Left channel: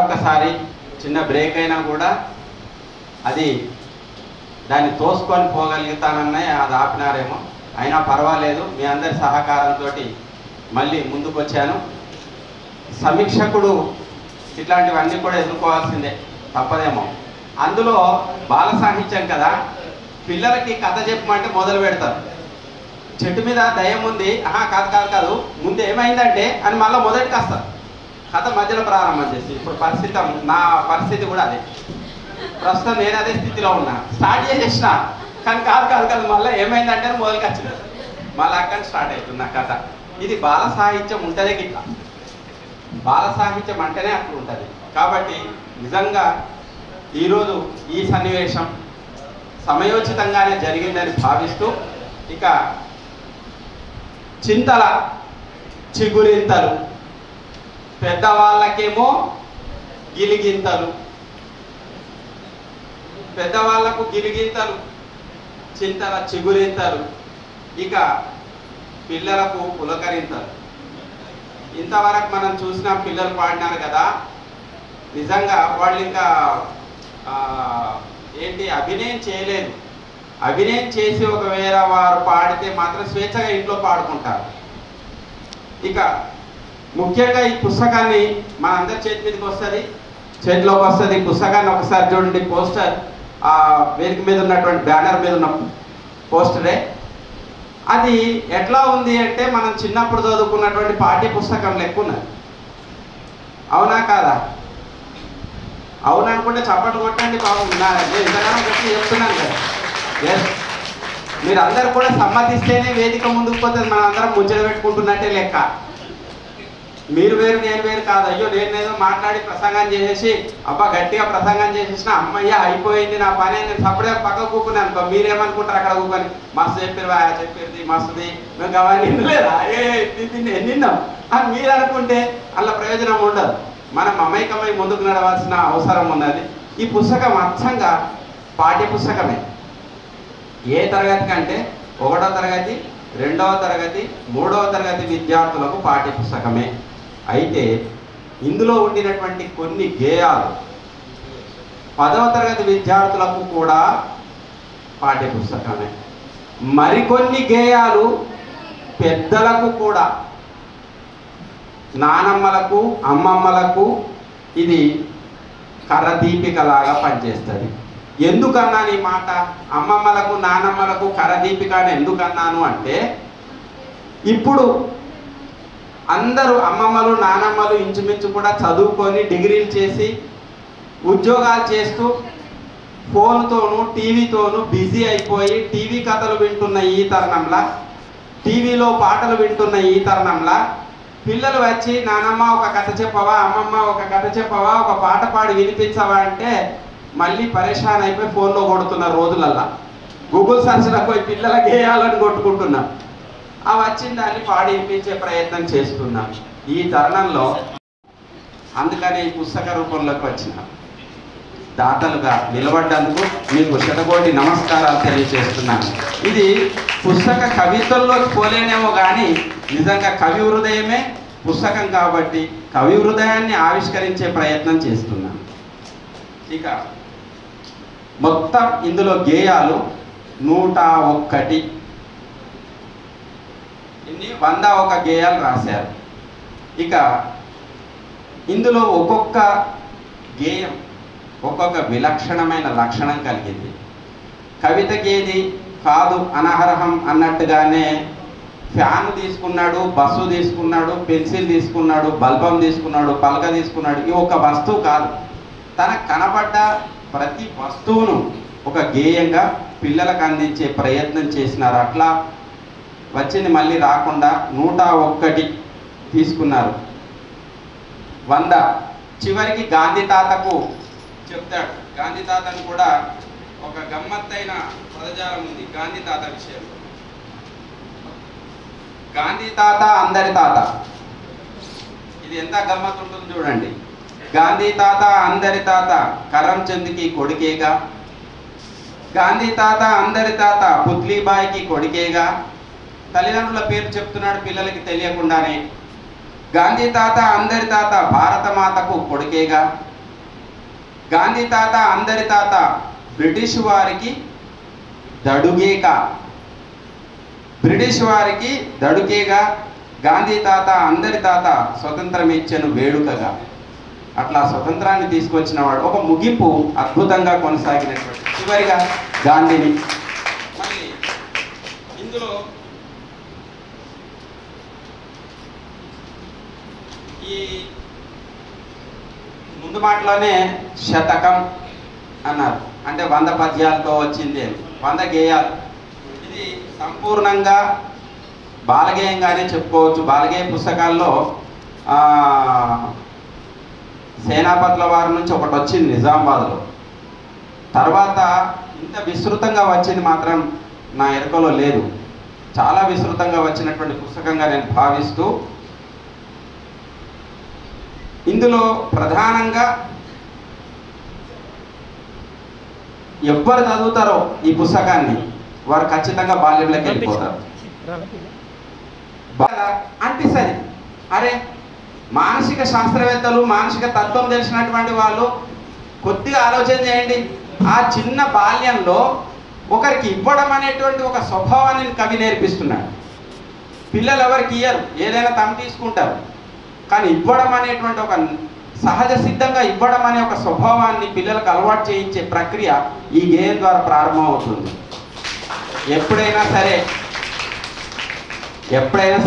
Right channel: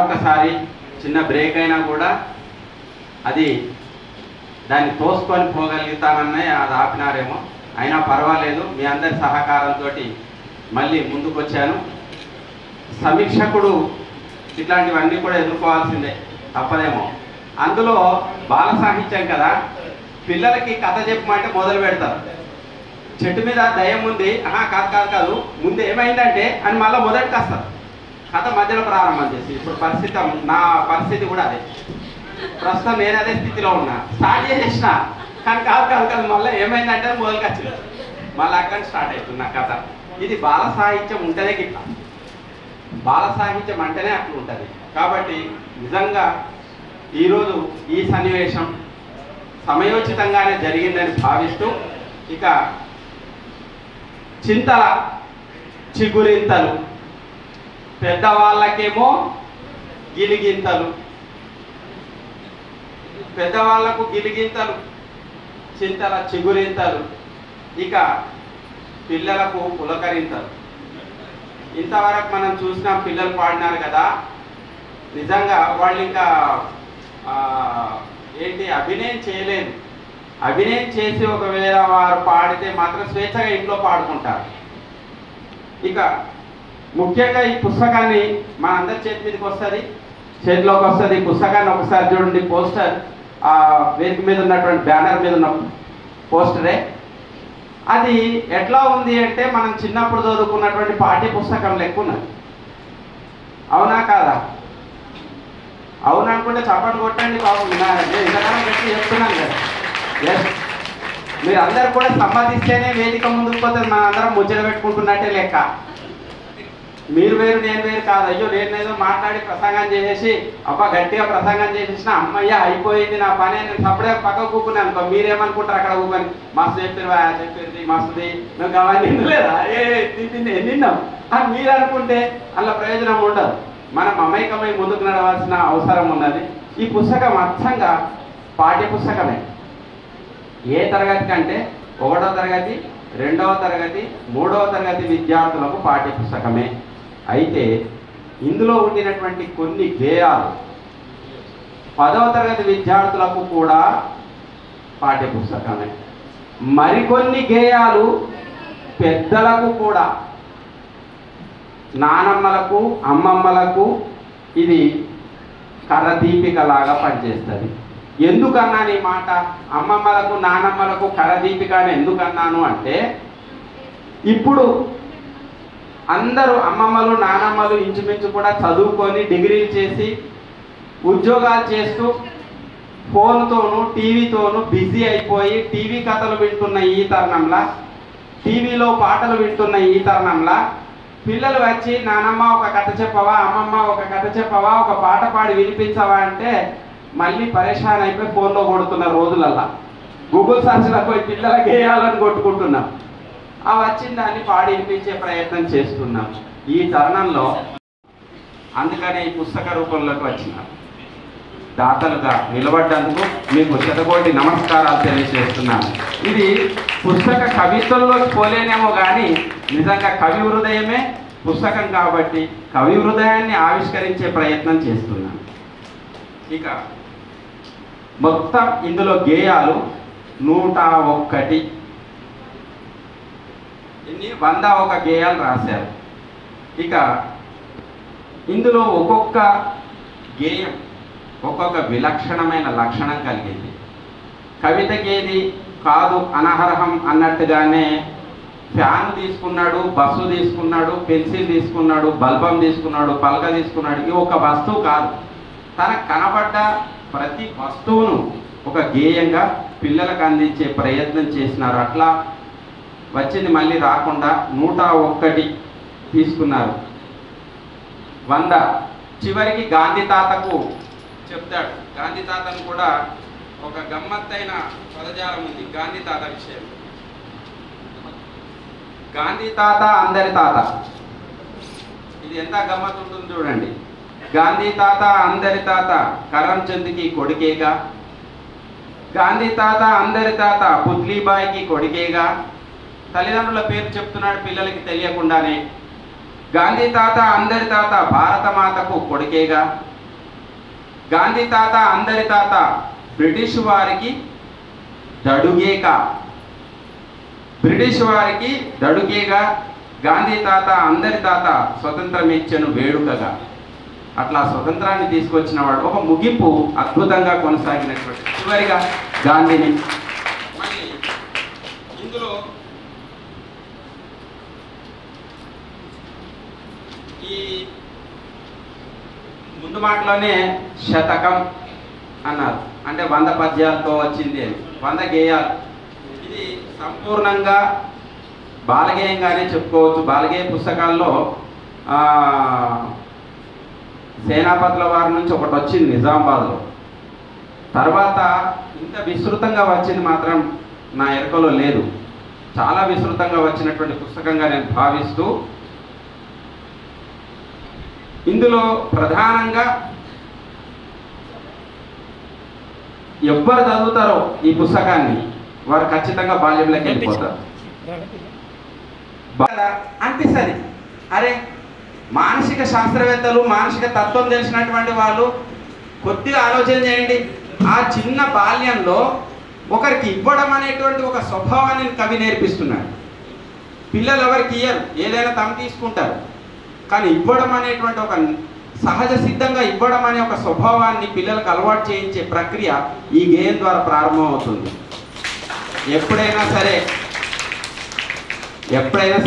ఒక్కసారి చిన్న బ్రేక్ అయినా కూడా అది దాన్ని తోసుకొని పోగలుగుతానన్నాయి, అది ఆపినారేమో. అయినా పర్వాలేదు, మీ అందరి సహకారంతో మళ్ళీ ముందుకు వచ్చాను. సమీక్షకుడు ఇట్లాంటివన్నీ కూడా ఎదుర్కోవాల్సిందే, తప్పదేమో. అందులో బాల సాహిత్యం కదా, పిల్లలకి కథ చెప్పమంటే మొదలు పెడతారు. చెట్టు మీద దయ్యం ఉంది, కాదు కాదు కాదు ముందు ఏమైందంటే అని మళ్ళీ మొదటికి వస్తారు. కథ మధ్యలో ప్రారంభం చేసి ఇప్పుడు పరిస్థితి, నా పరిస్థితి కూడా అదే. ప్రస్తుతం నేను అదే స్థితిలో ఉన్నా. స్టార్ట్ చేసేసిన కానీ కాదు కాదు కాదు మళ్ళీ ఏమైందంటే మొదలుకి వచ్చింది, మళ్ళీ అక్కడ స్టార్ట్ అవుతుంది నా కథ. ఇది బాల సాహిత్యం ఉంటేనే గిట్లా, బాల సాహిత్యం అంటేనే అట్లా ఉంటుంది. కాబట్టి నిజంగా ఈరోజు ఈ సన్నివేశం సమయోచితంగానే జరిగిందని భావిస్తూ, ఇక చింతల చిగురింతలు, పెద్దవాళ్ళకేమో గిలిగింతలు, పెద్దవాళ్లకు గిలిగింతలు, చింతల చిగురింతలు, ఇక పిల్లలకు పులకరింతలు. ఇంతవరకు మనం చూసిన పిల్లలు పాడినారు కదా, నిజంగా వాళ్ళు ఇంకా ఏంటి అభినయం చేయలేదు. అభినయం చేసి ఒకవేళ వారు పాడితే మాత్రం స్వేచ్ఛగా ఇంట్లో పాడుకుంటారు. ఇక ముఖ్యంగా ఈ పుస్తకాన్ని మన అందరి చేతి మీదకి వస్తుంది, చేతిలోకి వస్తుంది. పుస్తకాన్ని ఒకసారి చూడండి, పోస్టర్ ఆ వేదిక మీద ఉన్నటువంటి బ్యానర్ మీద ఉన్న పోస్టరే. అది ఎట్లా ఉంది అంటే మనం చిన్నప్పుడు చదువుకున్నటువంటి పాఠ్య పుస్తకం లెక్క ఉన్నది. అవునా కాదా? అవును అనుకుంటే చప్పట్లు కొట్టండి బాబు. ఇంతకాలం చెప్పి చెప్తున్నాను కదా. ఎస్, మీరు అందరు కూడా సమ్మతిస్తేనే వేదిక ముందుకు పోతుంది. మనం అందరం ముచ్చట పెట్టుకుంటున్నట్టే లెక్క. మీరు వేరు నేను వేరు కాదు. అయ్యో నేను ఏదో మాట్లాడి ప్రసంగం చేసేసి అబ్బా గట్టిగా ప్రసంగం చేసేసిన అమ్మయ్య అయిపోయింది నా పని అని సప్పుడే పక్క కూకుని అనుకో. మీరేమనుకుంటారు అక్కడ కూకొని మస్తు చెప్పిరువా చెప్పేది మస్తుది మేము అవన్నీ లేదా ఎన్నిన్నాం అని మీరు అనుకుంటే అలా ప్రయోజనం ఉండదు. మనం అమైకమై ముందుకు నడవాల్సిన అవసరం ఉన్నది. ఈ పుస్తకం అచ్చంగా పాఠ్య పుస్తకమే. ఏ తరగతి కంటే 1వ తరగతి 2వ తరగతి 3వ తరగతి విద్యార్థులకు పాఠ్య పుస్తకమే. అయితే ఇందులో ఉండినటువంటి కొన్ని గేయాలు 10వ తరగతి విద్యార్థులకు కూడా పాఠ్య పుస్తకమే. మరికొన్ని గేయాలు పెద్దలకు కూడా, నానమ్మలకు అమ్మమ్మలకు ఇది కర్ర దీపికలాగా పనిచేస్తుంది. ఎందుకన్నాను ఈ మాట? అమ్మమ్మలకు నానమ్మలకు కర్ర దీపిక అని ఎందుకన్నాను అంటే, ఇప్పుడు అందరూ అమ్మమ్మలు నానమ్మలు ఇంచుమించు కూడా చదువుకొని డిగ్రీలు చేసి ఉద్యోగాలు చేస్తూ ఫోన్తోనూ టీవీతోనూ బిజీ అయిపోయి టీవీ కథలు వింటున్న ఈ తరుణంలో, టీవీలో పాటలు వింటున్న ఈ తరుణంలో పిల్లలు వచ్చి నానమ్మ ఒక కథ చెప్పవా, అమ్మమ్మ ఒక కథ చెప్పవా, ఒక పాట పాడి వినిపించవా అంటే మళ్ళీ పరేషాన్ అయిపోయి ఫోన్లో కొడుతున్న రోజులల్లా గూగుల్ సర్చ్లకు పోయి పిల్లల గేయాలను కొట్టుకుంటున్నాం. ఆ వచ్చిన దాన్ని పాడి వినిపించే ప్రయత్నం చేస్తున్నాం ఈ తరుణంలో. అందుకని ఈ పుస్తక రూపంలోకి వచ్చిన దాతలుగా నిలబడ్డందుకు మీకు శతకోటి నమస్కారాలు తెలియజేస్తున్నాను. ఇది పుస్తక కవిత్వంలోకి పోలేనేమో కానీ నిజంగా కవి హృదయమే పుస్తకం కాబట్టి కవి హృదయాన్ని ఆవిష్కరించే ప్రయత్నం చేస్తున్నాను. ఇక మొత్తం ఇందులో గేయాలు 101, ఇన్ని 101 గేయాలు రాశారు. ఇక ఇందులో ఒక్కొక్క గేయం ఒక్కొక్క విలక్షణమైన లక్షణం కలిగింది. కవిత గేది కాదు అనర్హం అన్నట్టుగానే ఫ్యాన్ తీసుకున్నాడు, బస్సు తీసుకున్నాడు, పెన్సిల్ తీసుకున్నాడు, బల్బం తీసుకున్నాడు, పలక తీసుకున్నాడు. ఇవి ఒక వస్తువు కాదు. తనకు కనపడ్డ ప్రతి వస్తువును ఒక గేయంగా పిల్లలకు అందించే ప్రయత్నం చేసినారు. అట్లా వచ్చింది మళ్ళీ రాకుండా 101 తీసుకున్నారు. 100 చివరికి గాంధీ తాతకు చెప్తాడు. గాంధీ తాతను కూడా ఒక గమ్మత్తైన పదజాలం ఉంది గాంధీ తాత విషయం. గాంధీ తాత అందరి తాత, ఇది ఎంత గమ్మత్తు ఉంటుంది చూడండి. గాంధీ తాత అందరి తాత కరంచంద్కి కొడుకేగా, గాంధీ తాత అందరి తాత పుత్లీబాయికి కొడుకేగా. తల్లిదండ్రుల పేరు చెప్తున్నాడు పిల్లలకి తెలియకుండానే. గాంధీ తాత అందరి తాత భారత మాతకు కొడుకేగా. గాంధీ తాత అందరి తాత బ్రిటిష్ వారికి దడుగేక, బ్రిటిష్ వారికి దడుగేగా, గాంధీ తాత అందరి తాత స్వతంత్రం ఇచ్చెను వేడుకగా. అట్లా స్వతంత్రాన్ని తీసుకొచ్చిన వాడు. ఒక ముగింపు అద్భుతంగా కొనసాగినటువంటి చివరిగా గాంధీని. మళ్ళీ ఇందులో ఈ ముందు మాటలోనే శతకం అన్నారు, అంటే 100 పద్యాలతో వచ్చింది అని, 100 గేయాలు. ఇది సంపూర్ణంగా బాలగేయంగానే చెప్పుకోవచ్చు. బాలగేయ పుస్తకాల్లో సేనాపతుల వారి నుంచి ఒకటి వచ్చింది నిజామాబాద్లో. తర్వాత ఇంత విస్తృతంగా వచ్చింది మాత్రం నా ఎరుకలో లేదు. చాలా విస్తృతంగా వచ్చినటువంటి పుస్తకంగా నేను భావిస్తూ, ఇందులో ప్రధానంగా ఎవ్వరు చదువుతారో ఈ పుస్తకాన్ని వారు ఖచ్చితంగా బాల్యంలోకి వెళ్ళిపోతారు. అనిపిస్తుంది, అరే మానసిక శాస్త్రవేత్తలు, మానసిక తత్వం తెలిసినటువంటి వాళ్ళు కొద్దిగా ఆలోచన చేయండి. ఆ చిన్న బాల్యంలో ఒకరికి ఇవ్వడం అనేటువంటి ఒక స్వభావాన్ని కవి నేర్పిస్తున్నాడు. పిల్లలు ఎవరికి ఇయ్యరు, ఏదైనా తమ తీసుకుంటారు. కానీ ఇవ్వడం అనేటువంటి ఒక సహజ సిద్ధంగా ఇవ్వడం అనే ఒక స్వభావాన్ని పిల్లలకు అలవాటు చేయించే ప్రక్రియ ఈ గేయం ద్వారా ప్రారంభం అవుతుంది. ఎప్పుడైనా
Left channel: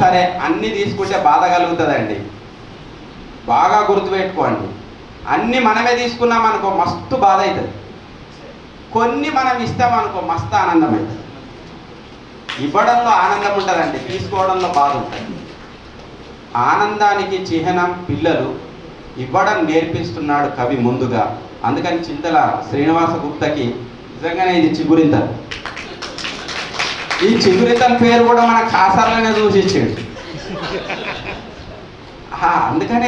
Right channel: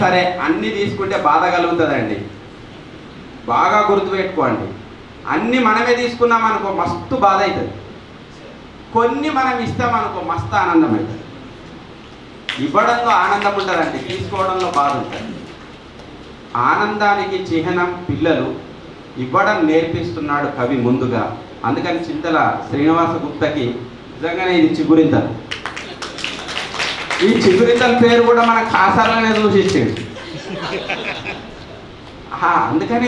సరే అన్ని తీసుకుంటే బాధ కలుగుతుందండి. బాగా గుర్తుపెట్టుకోండి. అన్ని మనమే తీసుకున్నాం అనుకో మస్తు బాధ అవుతుంది. కొన్ని మనం ఇస్తామనుకో మస్తు ఆనందం అవుతుంది. ఇవ్వడంలో ఆనందం ఉంటుందండి, తీసుకోవడంలో బాధ ఉంటుంది. ఆనందానికి చిహ్నం పిల్లలు, ఇవ్వడం నేర్పిస్తున్నాడు కవి ముందుగా. అందుకని చింతల శ్రీనివాస గుప్తకి నిజంగానే ఇది చిగురింతలు. ఈ చిగురింతల పేరు కూడా మన ఖాసాలనే చూసిచ్చాడు. అందుకనే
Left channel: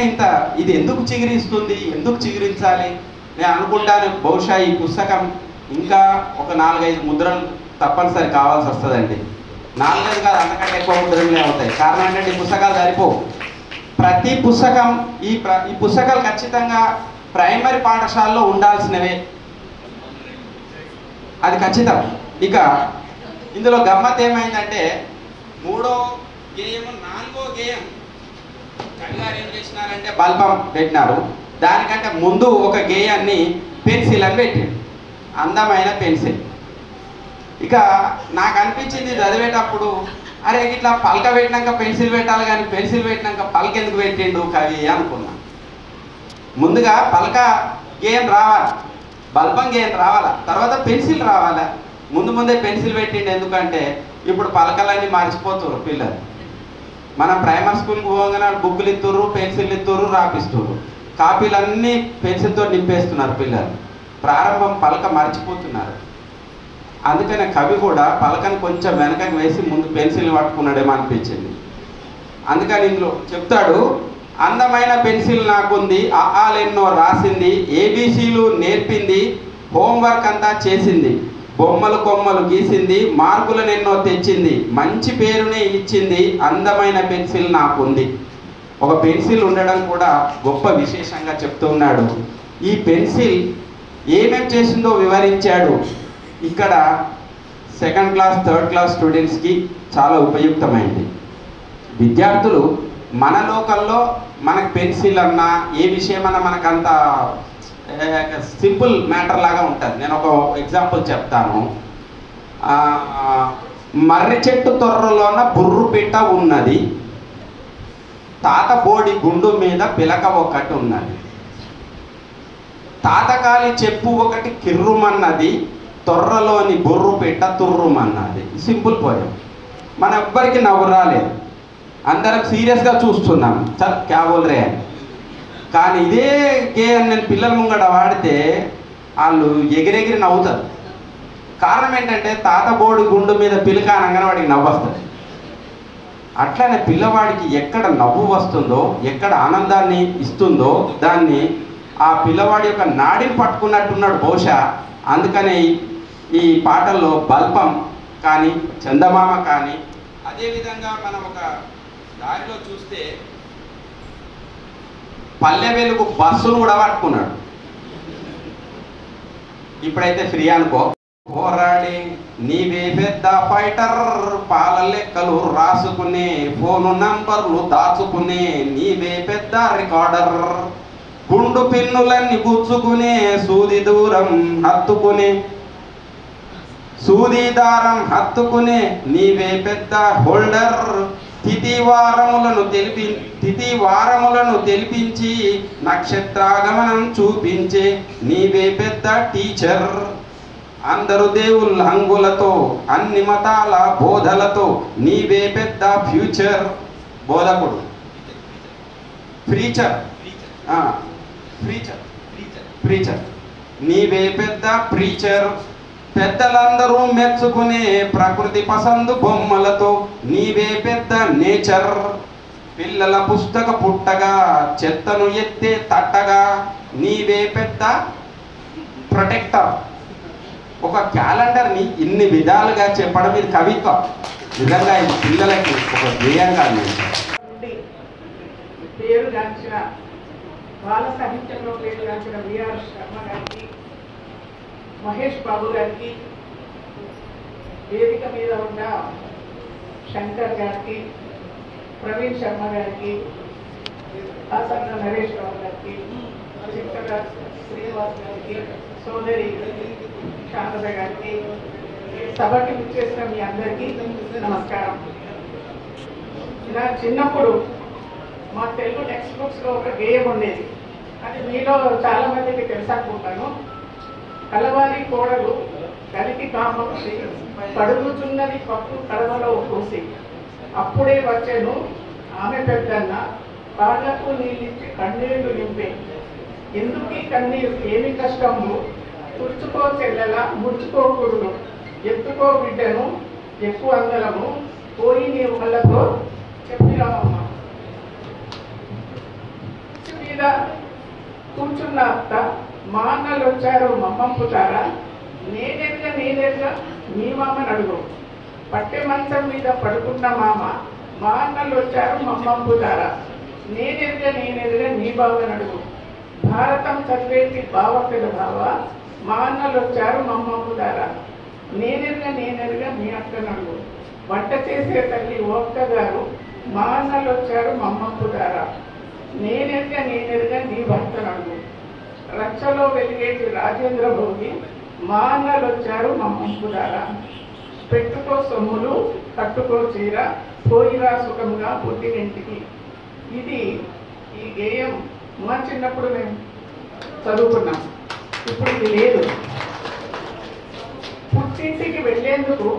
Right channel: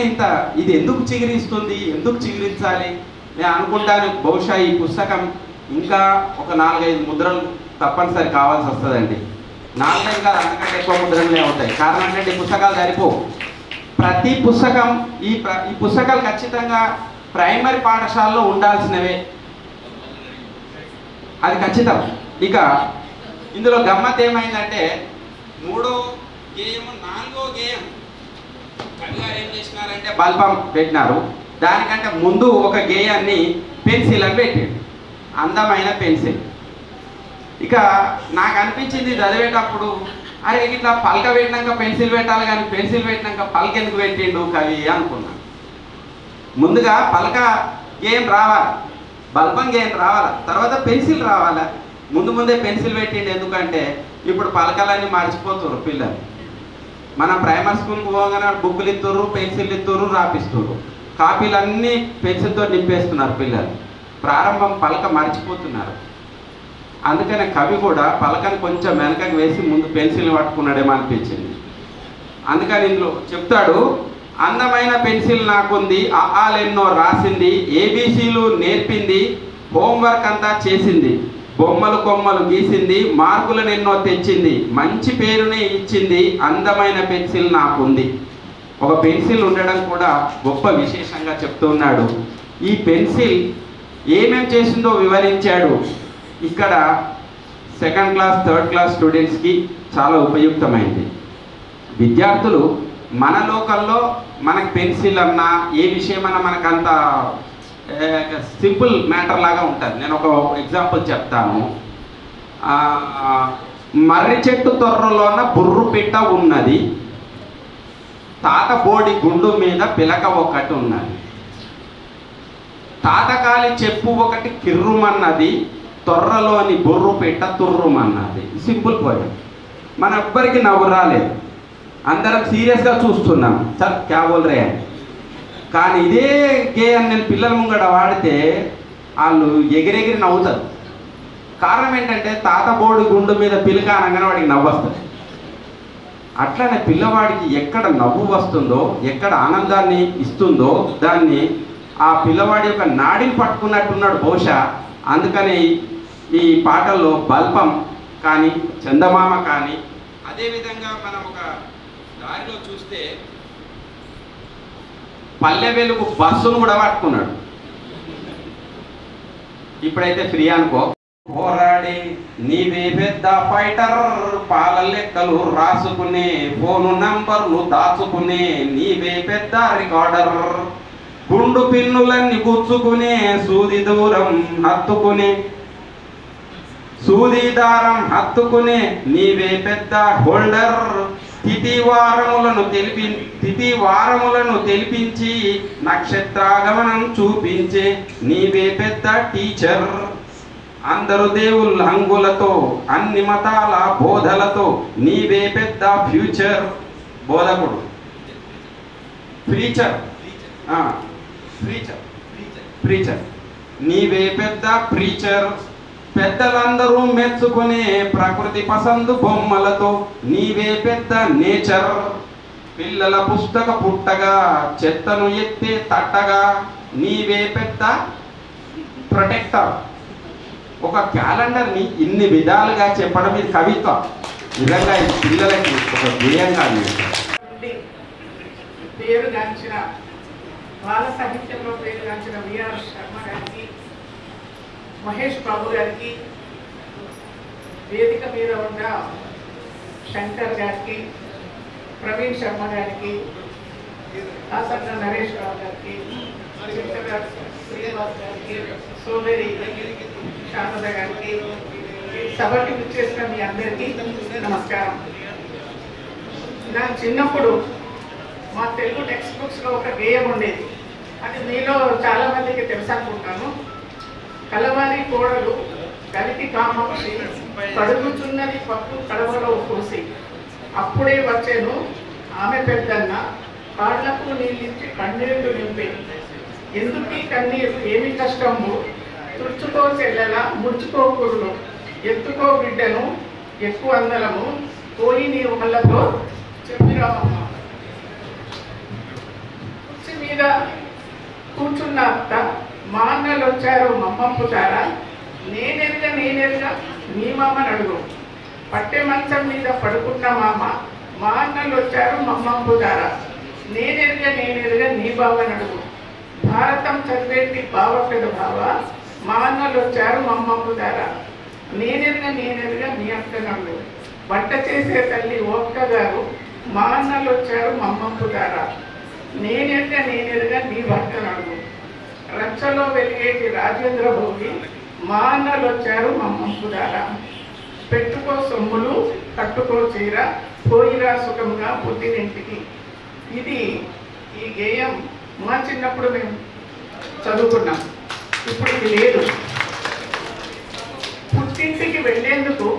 ఇది ఎందుకు చిగురిస్తుంది, ఎందుకు చిగురించాలి నేను అనుకుంటాను. బహుశా ఈ పుస్తకం ఇంకా ఒక 4-5 ముద్రలు తప్పనిసరి కావాల్సి వస్తుందండి. 4-5 కాదు, అంతకంటే ఎక్కువ ముద్రలే అవుతాయి. కారణం ఏంటంటే ఈ పుస్తకాలు సరిపోవు. ప్రతి పుస్తకం ఈ పుస్తకాలు ఖచ్చితంగా ప్రైమరీ పాఠశాలలో ఉండాల్సినవే, అది ఖచ్చితం. ఇక ఇందులో గమ్మత్ ఏమైందంటే 3వ గేయం 4వ గేయం కవి గారు ఏం చేసినారంటే బల్బం పెట్టినారు. దానికంటే ముందు ఒక గేయాన్ని పెన్సిల్ అని పెట్టాడు, అందమైన పెన్సిల్. ఇక నాకు అనిపించింది చదివేటప్పుడు, అరే ఇట్లా పలక పెట్టినాక పెన్సిల్ పెట్టాలి కానీ పెన్సిల్ పెట్టినాక పలక ఎందుకు పెట్టిండు కవి అనుకున్నాను. ముందుగా పలక గేయం రావాలి, బల్బం గేయం రావాలి, తర్వాత పెన్సిల్ రావాలి. ముందే పెన్సిల్ పెట్టిండు. ఎందుకంటే ఇప్పుడు పలకలన్నీ మర్చిపోతున్నారు పిల్లలు. మనం ప్రైమరీ స్కూల్కి పోగానే బుక్కులు ఇస్తుర్రు, పెన్సిల్ ఇస్తుర్రు, రాపిస్తుర్రు. కాపీలన్నీ పెన్సిల్తో నింపేస్తున్నారు పిల్లలు. ప్రారంభం పలక మర్చిపోతున్నారు. అందుకనే కవి కూడా పలకని కొంచెం వెనకకి వేసి ముందు పెన్సిల్ పట్టుకున్నాడేమో అనిపించింది. అందుకని ఇందులో చెప్తాడు, అందమైన పెన్సిల్ నాకుంది, ఆలెన్నో రాసింది, ఏబీసీలు నేర్పింది, హోంవర్క్ అంతా చేసింది, బొమ్మలు కొమ్మలు గీసింది, మార్కులను ఎన్నో తెచ్చింది, మంచి పేరునే ఇచ్చింది, అందమైన పెన్సిల్ నాకుంది. ఒక పెన్సిల్ ఉండడం కూడా గొప్ప విశేషంగా చెప్తున్నాడు. ఈ పెన్సిల్ ఏమేం చేసిందో వివరించాడు. ఇక్కడ 2nd క్లాస్ 3rd క్లాస్ స్టూడెంట్స్కి చాలా ఉపయుక్తమైంది. విద్యార్థులు మన లోకల్లో మనకు పెన్సిల్ అన్నా ఏ విషయమన్నా మనకంత సింపుల్ మ్యాటర్ లాగా ఉంటుంది. నేను ఒక ఎగ్జాంపుల్ చెప్తాను. మర్రి చెట్టు తొర్రలోన బుర్రు పిట్ట ఉన్నది, తాతబోడి గుండు మీద పిలక ఒకటి ఉన్నది, తాతకాలి చెప్పు ఒకటి కిర్రుమన్నది, తొర్రలోని బుర్రు పిట్ట తుర్రుమన్నది. Simple poem. మన ఎవ్వరికి నవ్వు రాలేదు, అందరం సీరియస్గా చూస్తున్నాం, చల్ క్యా బోల్ రే అని. కానీ ఇదే గేయం నేను పిల్లల ముంగడ వాడితే వాళ్ళు ఎగిరెగిరి నవ్వుతారు. కారణం ఏంటంటే తాతబోడి గుండు మీద పిలక అనగానే వాడికి నవ్వు వస్తుంది. అట్లానే పిల్లవాడికి ఎక్కడ నవ్వు వస్తుందో, ఎక్కడ ఆనందాన్ని ఇస్తుందో దాన్ని ఆ పిల్లవాడి యొక్క నాడిని పట్టుకున్నట్టున్నాడు బహుశా. అందుకనే ఈ పాటల్లో బల్బం కానీ చందమామ కానీ, అదేవిధంగా మనం ఒక దారిలో చూస్తే పల్లె వెలుగు బస్సును కూడా పట్టుకున్నాడు. ఇప్పుడైతే ఫ్రీ అనుకో. పోరాడి నీవే పెద్ద ఫైటర్, పాల లెక్కలు రాసుకునే, ఫోను నంబర్లు దాచుకునే నీవే పెద్ద రికార్డర్, గుండు పిన్నులన్నీ గుచ్చుకునే, సూది దారం హత్తుకునే నీవే పెద్ద హోల్డర్, తిథి వారములను తెలిపించి నక్షత్రాగమనం చూపించే నీవే పెద్ద టీచర్, అందరు దేవుళ్ళ హంగులతో అన్ని మతాల బోధలతో నీవే పెద్ద ఫ్యూచర్ బోధకుడు. ప్రీచర్ నీవే పెద్ద ప్రీచర్, పెద్దలందరూ మెచ్చుకునే ప్రకృతి పసందు బొమ్మలతో నీవే పెద్ద నేచర్, పిల్లల పుస్తక పుట్టగా చెత్తను ఎత్తే తట్టగా నీవే పెద్ద ప్రొటెక్టర్. ఒక క్యాలెండర్ని ఇన్ని విధాలుగా చెప్పడం ఇది కవిత్వం. నిజంగా ఇది పిల్లలకి ఒక ధ్యేయం కాదు. పేరుగాంచిన బాల సాహిత్యంలో పేరుగాంచిన విఆర్ శర్మ గారికి, మహేష్ బాబు గారికి, వేదిక మీద ఉన్న శంకర్ గారికి, ప్రవీణ్ శర్మ గారికి, ఆసన్న నరేష్ రావు గారికి, చింతగా శ్రీనివాస్ గారికి, సోదరి శారద గారికి, సభకి విచ్చేసిన మీ అందరికీ నమస్కారం. నా చిన్నప్పుడు మా తెలుగు టెక్స్ట్ బుక్స్లో ఒక గేయం ఉండేది. అది మీలో చాలా మందికి తెలుసు అనుకుంటాను. కలవారి కోడలు కలికి కామోక్షి, కడుగుచున్నది పట్టు కడవలో పూసి, అప్పుడే వచ్చేను ఆమె పెద్దన్న, కాళ్లకు నీళ్ళిచ్చి కన్నీళ్లు నింపే, ఎందుకీ కన్నీరు ఏమి కష్టము, తుడుచుకో చెల్లెల ముడుచుకో కురులు, ఎత్తుకో బిడ్డను ఎక్కువ అందలము, పోయి నీ వాళ్ళతో చెప్పిరామమ్మ. మీద కూర్చున్న అత్త, మా అన్నలు వచ్చారు మమ్మంపుతారా, నేనెరుగా నీ మామని అడుగు, పట్టె మంచం మీద పడుకున్న మామ, మా అన్నలు వచ్చారు మమ్మంపుతారా, నేనెరుగా నీ బావని అడుగు, భారతం చదివేటి బావక్కడు బావ, మా అన్నలు వచ్చారు మమ్మంపుతారా, నేనెరుగా నీ అక్కని అడుగు, వంట చేసే తల్లి ఒక్కగారు, మా అన్నలు వచ్చారు మమ్మంపుతారా, నేనెరుగా నీ భర్తను అడుగు, రచ్చలో వెలిగేటి రాజేంద్ర భోగి, మా అన్నలు వచ్చారు మమ్మంపుతారా, పెట్టుకో సొమ్ములు కట్టుకో చీర, పోయిరా సుఖంగా పుట్టినింటికి. ఇది ఈ గేయం మా చిన్నప్పుడు మేము చదువుకున్నాం. ఇప్పుడు ఇది లేదు. పుట్టింటికి వెళ్ళేందుకు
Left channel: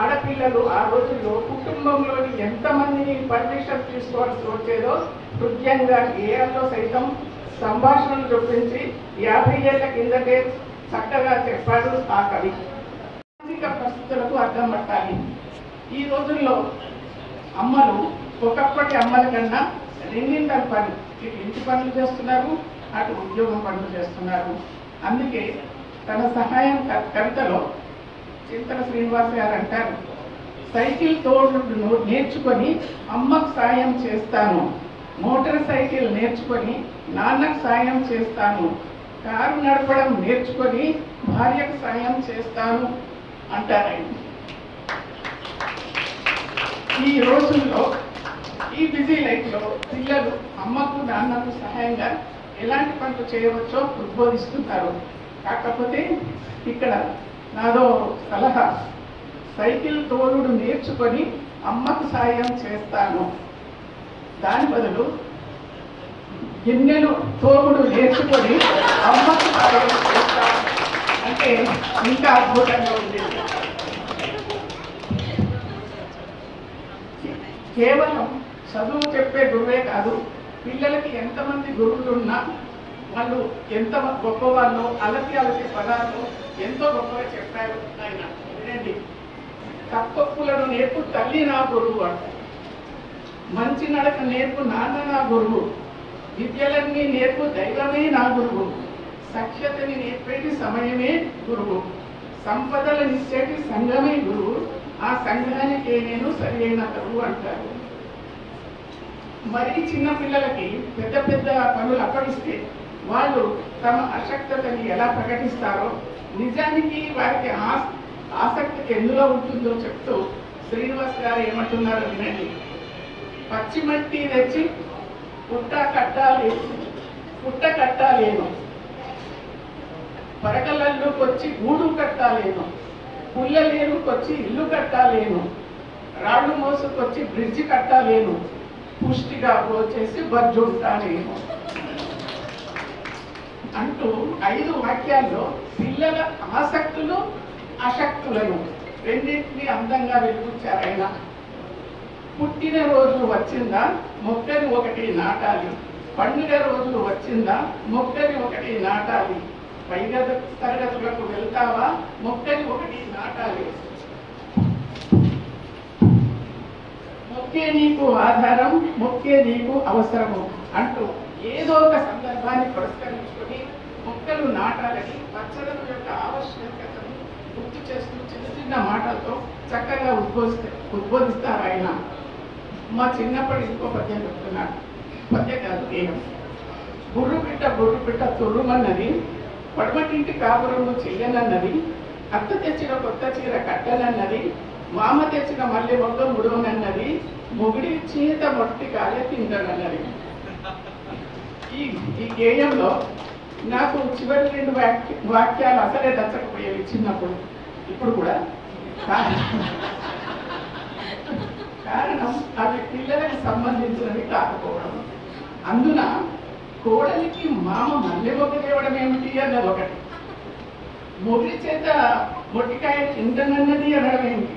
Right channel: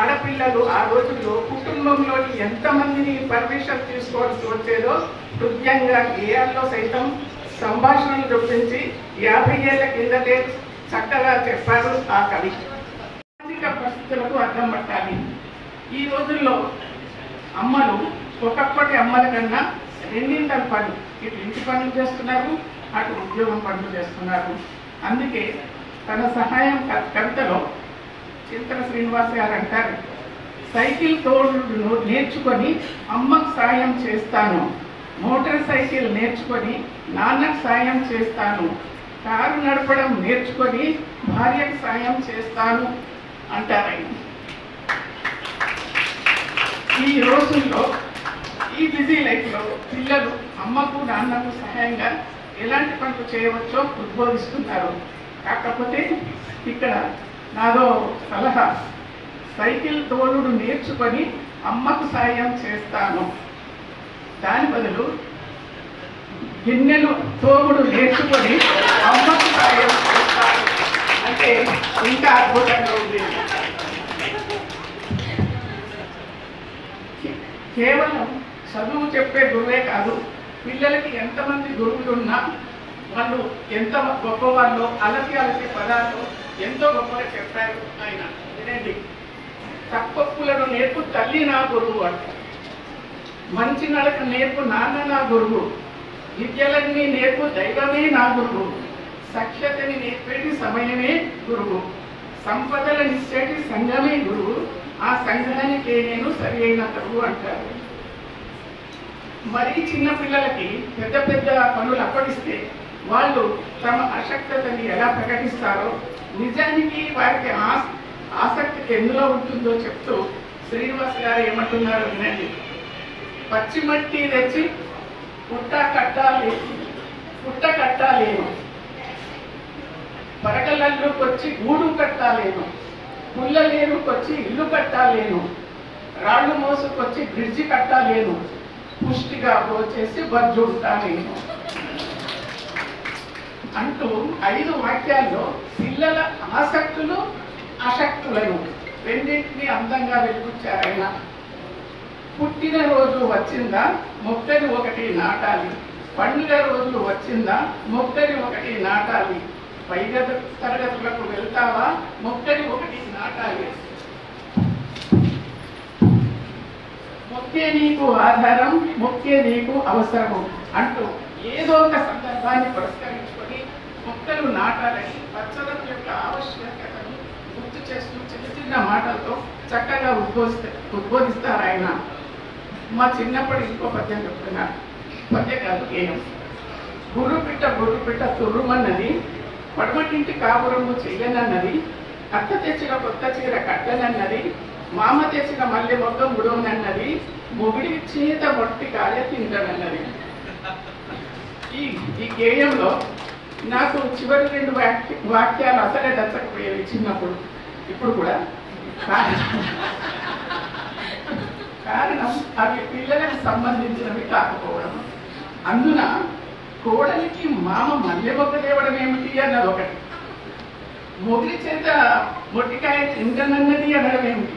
ఆడపిల్లలు ఆ రోజుల్లో కుటుంబంలోని ఎంతమందిని పర్మిషన్ తీసుకోవాల్సి వచ్చేదో హృదయంగా గేయాల్లో సైతం సంభాషణలు చూపించి 50 ఏళ్ల కిందటే చక్కగా చెప్పారు ఆ కవి. సామాజిక పరిస్థితులకు అర్థం పట్టాలి. ఈ రోజుల్లో అమ్మలు ఒకప్పటి అమ్మల కన్నా రెండింతల పని, ఇటు ఇంటి పనులు చేస్తున్నారు, అటు ఉద్యోగం పనులు చేస్తున్నారు. అందుకే తన సహాయం కవితలో చింతల శ్రీనివాస్ గారు అంటారు, సైకిల్ తోడు నేర్చుకొని అమ్మకు సాయం చేస్తాను, మోటార్ సైకిల్ నేర్చుకొని నాన్నకు సాయం చేస్తాను, కారు నడపడం నేర్చుకొని భార్యకు సాయం చేస్తాను అంటారు. ఈ రోజుల్లో ఈ బిజీ లైఫ్లో పిల్లలు అమ్మకు నాన్నకు సహాయంగా ఎలాంటి పనులు చేయవచ్చో ఉద్బోధిస్తున్నారు. కాకపోతే ఇక్కడ నాదో సలహా, సైకిల్ తోలుడు నేర్చుకొని అమ్మకు సాయం చేస్తాను, దాని బదులు గిన్నెలు తోముడు నేర్చుకొని అమ్మకు సాయం చేస్తాను అంటే ఇంకా అద్భుతంగా ఉంది. కేవలం చదువు చెప్పే గురువే కాదు, పిల్లలకి ఎంతమంది గురువులు ఉన్నా వాళ్ళు ఎంత గొప్పవాళ్ళు, అలసి పదాలు ఎంతో గొప్పగా చెప్పారు ఆయన. వినండి, తప్పొప్పులను నేర్పు తల్లి నా గురువు అంటారు, మంచి నడక నేర్పు నాన్న నా గురువు, విద్యలన్నీ నేర్పు దైవమే నా గురువు, సఖ్యతని నేర్పేటి సమయమే గురువు, సంపదలనిచ్చేటి సంఘమే గురువు, ఆ సంఘానికే నేను సరి అయిన గురువు అంటారు. మరీ చిన్న పిల్లలకి పెద్ద పెద్ద పనులు అప్పగిస్తే వాళ్ళు తమ అశక్తతని ఎలా ప్రకటిస్తారో నిజానికి వారికి ఆసక్తి ఎందులో ఉంటుందో చెప్తూ శ్రీనివాస్ గారు ఏమంటున్నారో వినండి. పచ్చి మట్టి తెచ్చి పుట్ట కట్టాలేను, పరకలల్లుకొచ్చి గూడు కట్టాలేను, పుల్లలేరుకొచ్చి ఇల్లు కట్టాలేను, రాళ్ళు మోసుకొచ్చి బ్రిడ్జి కట్టాలేను, పుష్టిగా పోచేసి బజ్జుంటానేను అంటూ 5 వాక్యాల్లో పిల్లల ఆసక్తులు ఆసక్తులను రెండింటినీ అందంగా వెలుగుచ్చారైనా. పుట్టినరోజు వచ్చిందా మొక్కని ఒకటి నాటాలి, పండుగ రోజు వచ్చిందా మొక్కని ఒకటి నాటాలి, పై తరగతులకు వెళ్తావా మొక్కని ఒకటి నాటాలి, మొక్కే నీకు ఆధారం మొక్కే నీకు అవసరము అంటూ ఏదో ఒక సందర్భాన్ని పురస్కరించుకొని మొక్కలు నాటాలని పచ్చదనం యొక్క ఆవశ్యకతను గుర్తు చేస్తూ చిన్న చిన్న మాటలతో చక్కగా ఉద్బోధిస్తారు ఆయన. మా చిన్నప్పటి ఇంకో పద్యం చెప్తున్నారు. పద్య కాదు, గేయం. బుర్రు పిట్ట తుర్రుమన్నది, పడమటింటి కాపురము చెయ్యనన్నది, అత్త తెచ్చిన కొత్త చీర కట్టనన్నది, మామ తెచ్చిన మల్లె మొగ్గ ముడవనన్నది, మొగుడి చేత మొట్టి కాయ తిందనన్నది. ఈ గేయంలో నాకు చివరి 2 వాక్యాలు అసలే దచ్చకపోయేవి చిన్నప్పుడు, ఇప్పుడు కూడా. కారణం అవి పిల్లలకు సంబంధించినవి కాకపోవడం. అందున కోడలికి మామ మల్లె మొగ్గ తేవడం ఏమిటి అన్నది ఒకటి, మొగుడి చేత మొట్టికాయ తింటనన్నది అనడం ఏమిటి.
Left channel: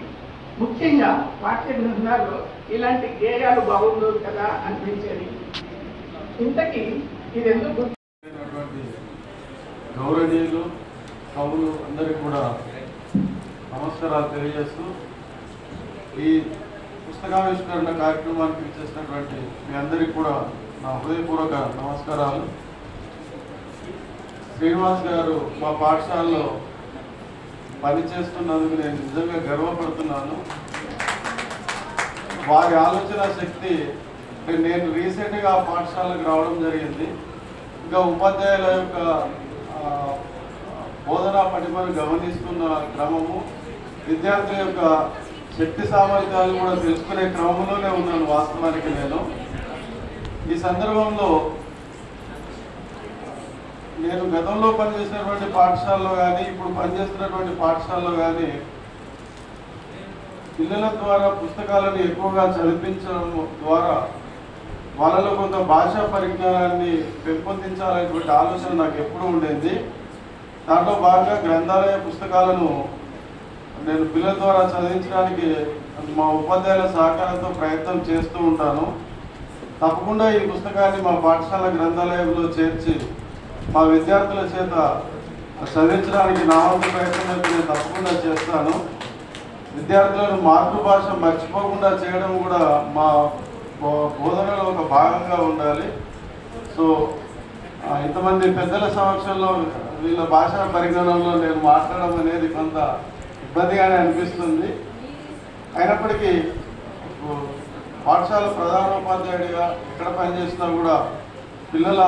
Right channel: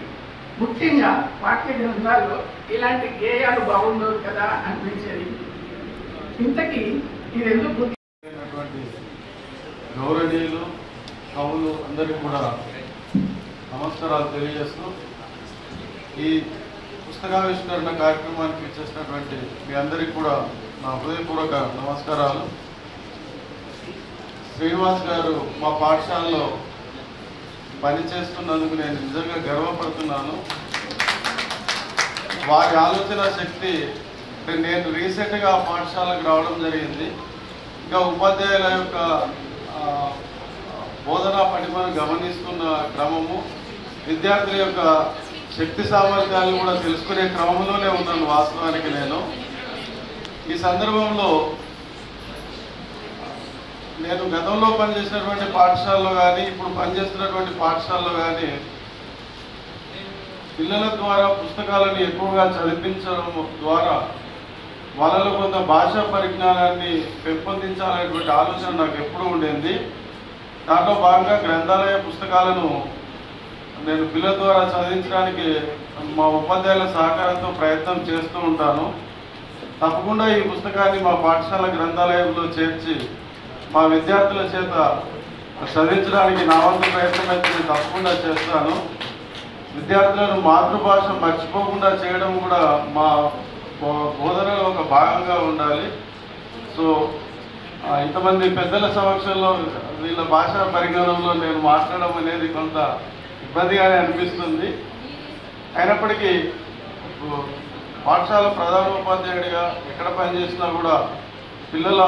ముఖ్యంగా వాక్య గ్రంథాల్లో ఇలాంటి గేయాలు బాగుండవు కదా అనిపించేది. ఇంతకీ ఇదెందుకు గౌరవనీయులు కవులు అందరికీ కూడా నమస్కారాలు తెలియజేస్తూ ఈ పుస్తకావిష్కరణ కార్యక్రమానికి ఇచ్చేసినటువంటి మీ అందరికీ కూడా నా హృదయపూర్వక నమస్కారాలు. శ్రీనివాస్ గారు మా పాఠశాలలో పనిచేస్తున్నందుకు నేను నిజంగా గర్వపడుతున్నాను. వారి ఆలోచన శక్తి, నేను రీసెంట్గా పాఠశాలకు రావడం జరిగింది. ఇంకా ఉపాధ్యాయుల యొక్క బోధనా పటిమను గమనిస్తున్న క్రమము, విద్యార్థుల యొక్క శక్తి సామర్థ్యాలు కూడా తెలుసుకునే క్రమంలోనే ఉన్నాను వాస్తవానికి నేను. ఈ సందర్భంలో నేను గతంలో పనిచేసినటువంటి పాఠశాలలో కానీ ఇప్పుడు పనిచేస్తున్నటువంటి పాఠశాలలో కానీ పిల్లల ద్వారా పుస్తకాలను ఎక్కువగా చదివించడం ద్వారా వాళ్ళలో కొంత భాషా పరిజ్ఞానాన్ని పెంపొందించాలనేటువంటి ఆలోచన నాకు ఎప్పుడూ ఉండేది. దాంట్లో భాగంగా గ్రంథాలయ పుస్తకాలను నేను పిల్లల ద్వారా చదివించడానికి మా ఉపాధ్యాయుల సహకారంతో ప్రయత్నం చేస్తూ ఉంటాను. తప్పకుండా ఈ పుస్తకాన్ని మా పాఠశాల గ్రంథాలయంలో చేర్చి మా విద్యార్థుల చేత చదివించడానికి నా వంతు ప్రయత్నం అయితే నేను తప్పకుండా చేస్తాను. విద్యార్థులను మాతృభాష మర్చిపోకుండా చేయడం కూడా మా బోధనలో ఒక భాగంగా ఉండాలి. సో ఇంతమంది పెద్దల సమక్షంలో వీళ్ళ భాషా పరిజ్ఞానంలో నేను మాట్లాడడం అనేది కొంత ఇబ్బందిగానే అనిపిస్తుంది. అయినప్పటికీ పాఠశాల ప్రధానోపాధ్యాయుడిగా ఎక్కడ పనిచేసినా కూడా పిల్లల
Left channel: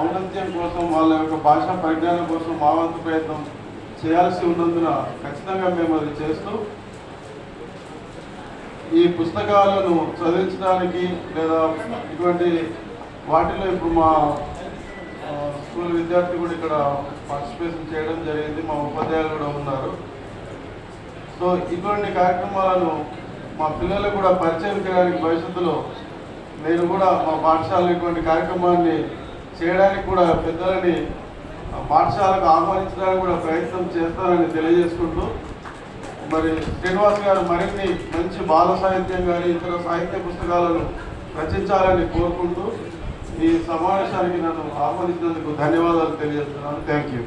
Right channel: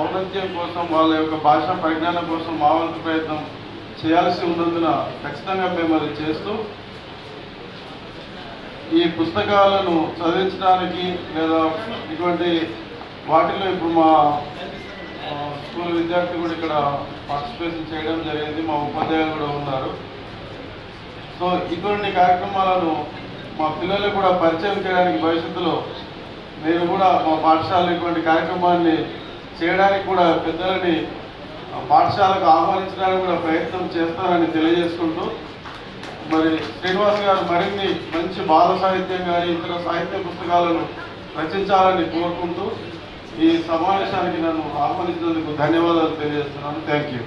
ఔన్నత్యం కోసం, వాళ్ళ యొక్క భాషా పరిజ్ఞానం కోసం మా వంతు ప్రయత్నం చేయాల్సి ఉన్నందున ఖచ్చితంగా మేము అది చేస్తూ ఈ పుస్తకాలను చదివించడానికి లేదా ఇటువంటి వాటిలో ఇప్పుడు మా స్కూల్ విద్యార్థులు కూడా ఇక్కడ పార్టిసిపేషన్ చేయడం జరిగింది. మా ఉపాధ్యాయులు కూడా ఉన్నారు. సో ఇటువంటి కార్యక్రమాలను మా పిల్లలకు కూడా పరిచయం చేయడానికి భవిష్యత్తులో నేను కూడా మా పాఠశాలలో ఇటువంటి కార్యక్రమాన్ని చేయడానికి కూడా పెద్దలని పాఠశాలకు ఆహ్వానించడానికి కూడా ప్రయత్నం చేస్తానని తెలియజేసుకుంటూ, మరి శ్రీనివాస్ గారు మరిన్ని మంచి బాల సాహిత్యం కానీ ఇతర సాహిత్య పుస్తకాలను రచించాలని కోరుకుంటూ ఈ సమావేశానికి నన్ను ఆహ్వానించినందుకు ధన్యవాదాలు తెలియజేస్తున్నాను. Thank you.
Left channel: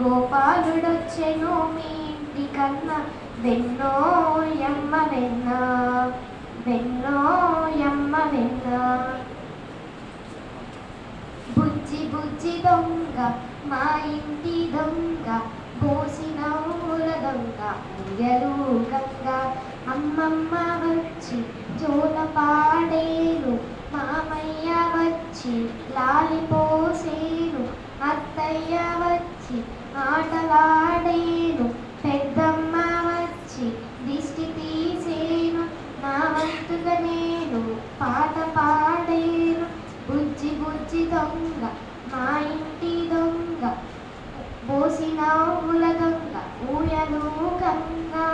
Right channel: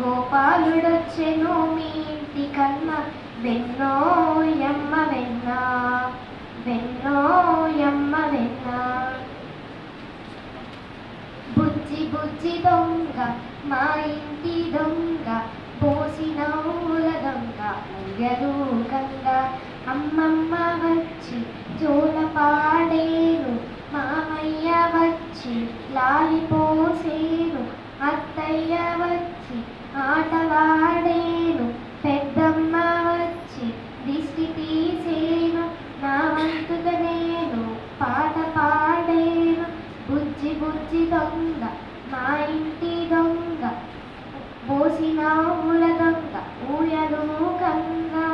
గోపాలుడొచ్చెను మీ ఇంటి కన్నా, వెన్నో యమ్మ వెన్న, వెన్నో యమ్మ వెన్న. బుజ్జి బుజ్జి దొంగ మా ఇంటి దొంగ, పోసిన ఊల దొంగ, ఊయలు గంగ, అమ్మమ్మ జోల పాడేను మామయ్య వచ్చి లాలిపోసేను అత్తయ్య వచ్చి ఆటలాడేను పెద్దమ్మ వచ్చి దిష్టి తీసేను నా వంతుగా నేను పాట పాడేను బుజ్జి బుజ్జి దొంగ మా ఇంటి దొంగ పోసిన ఊల దొంగ ఊయలూకంగా.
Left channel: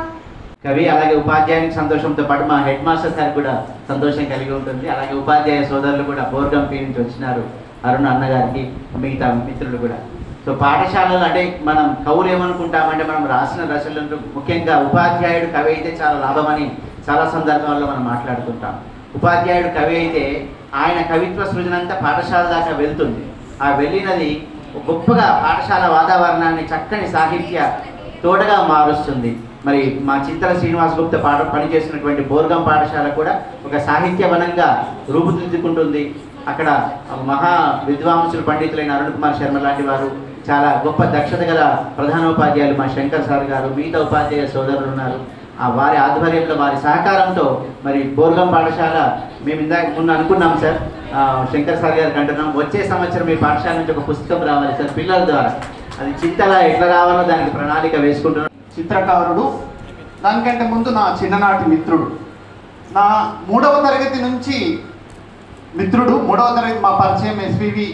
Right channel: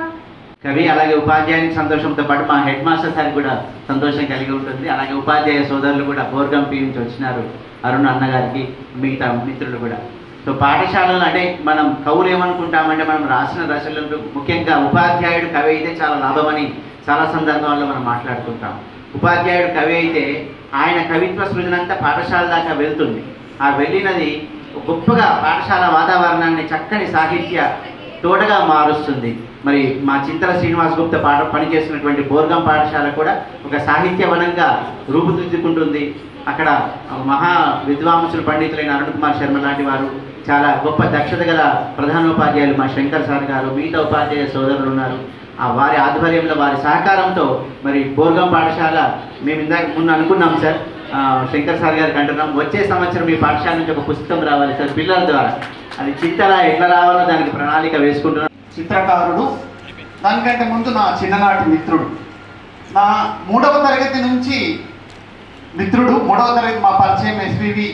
కవి అలాగే ఉపాధ్యాయునికి సంతోషంతో పాటు మా హెడ్ మాస్టర్ సార్ కూడా సంతోషం కలిగి ఉంటుంది. అలాగే ఉపాధ్యాయ సోదరులు కూడా బోర్గంపి నుంచి వచ్చినారు, అరుణ్ అన్నగారికి, మిగతా మిత్రులు కూడా. సో పాఠశాలలు అంటే మనం కవులు ఏమనుకుంటామంటే మనం రాసిన రచనలు ముఖ్యంగా ఉపాధ్యాయుడు కవి అయితే చాలా లాభమని చాలా సందర్భాల్లో మనం మాట్లాడుకుంటాం. ఉపాధ్యాయుడు కవి అయితే ఆయన కవిత్వ సృజన అంతా పాఠశాల దాకా వెళ్తుంది. ఆ వెళ్ళినది గొప్పగా పాఠశాల వాతావరణాన్ని చక్కని సాహిత్య తోటగా మారుస్తుంది. మరి మా చింతల శ్రీనివాస్ గుప్తా పనిచేసినటువంటి బోర్గం పాఠశాల కూడా ఒక సాహిత్యవనంగా రూపుదిద్దుకుంటుంది. అక్కడ మహా విద్వాంసులు పండితులైన అరుణ్ కుమార్ శర్మ లాంటి వారు, చాలా గొప్ప దక్షత గల ప్రధానోపాధ్యాయులు మా శంకర్ సార్ గారు, మిగతా ఉపాధ్యాయ సోదరులు ఉన్నారు. వారి ఆధ్వర్యంలో వారి సహకారంతో మరి బోర్గం పాఠశాల మేము ఇందాక ముందు అనుకున్నాం సార్, శంకర్ సార్ గారికి అంటున్నాం, వచ్చే సంవత్సరం మీ పాఠశాల నుంచి ఒక పుస్తకం రావాలి సార్ పిల్లల ద్వారా. అది చింతల ఎట్లా రావాలో దానికి ప్రణాళిక వేసుకుంటున్నాం. చిత్రకారుడు, దానికంటే ముందు నా చిన్ననాటి మిత్రుడు, నా 3వ తరగతి నుంచి మిత్రుడు. 3వ తరగతి మా పరిచయం ఎస్వివి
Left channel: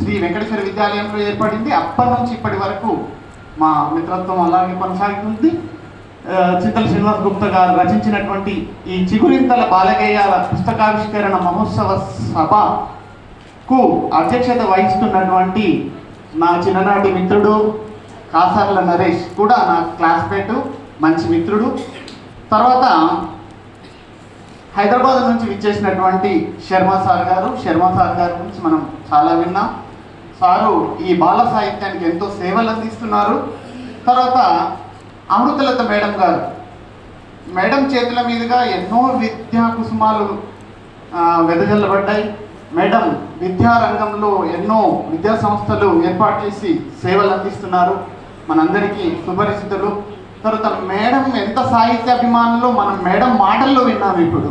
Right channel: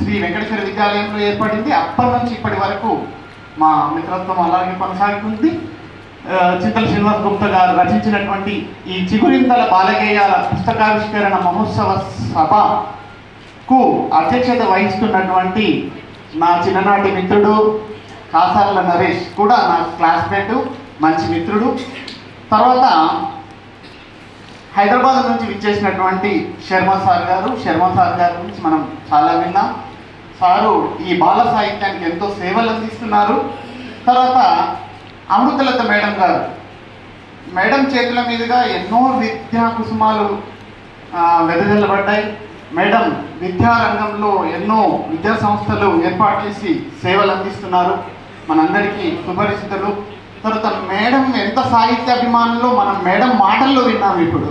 శ్రీ వెంకటేశ్వర విద్యాలయంలో ఏర్పడింది. అప్పటి నుంచి ఇప్పటి వరకు మా మిత్రత్వం అలాగే కొనసాగుతుంది. చింతల శ్రీనివాస్ గుప్తా గారు రచించినటువంటి ఈ చిగురింతల బాలగేయాల పుస్తకావిష్కరణ మహోత్సవ సభకు అధ్యక్షత వహిస్తున్నటువంటి నా చిన్ననాటి మిత్రుడు కాసార్ల నరేష్ కూడా నా క్లాస్మేటు, మంచి మిత్రుడు. తర్వాత హైదరాబాద్ నుంచి విచ్చేసినటువంటి శర్మ సార్ గారి గురించి మనం చాలా విన్నాం. సారు ఈ బాల సాహిత్యానికి ఎంతో సేవలు అందిస్తున్నారు. తర్వాత అమృతలత మేడం చేతుల మీదుగా ఎన్నో విద్యా కుసుమాలు వెదజల్లబడ్డాయి. మేడం విద్యారంగంలో ఎన్నో విద్యా సంస్థలు ఏర్పాటు చేసి సేవలు అందిస్తున్నారు, మనందరికీ సుపరిచితులు. తర్వాత మేడం ఎంత సాహిత్యాభిమానంలో మనం మేడం మాటల్లో విన్నాము. ఇప్పుడు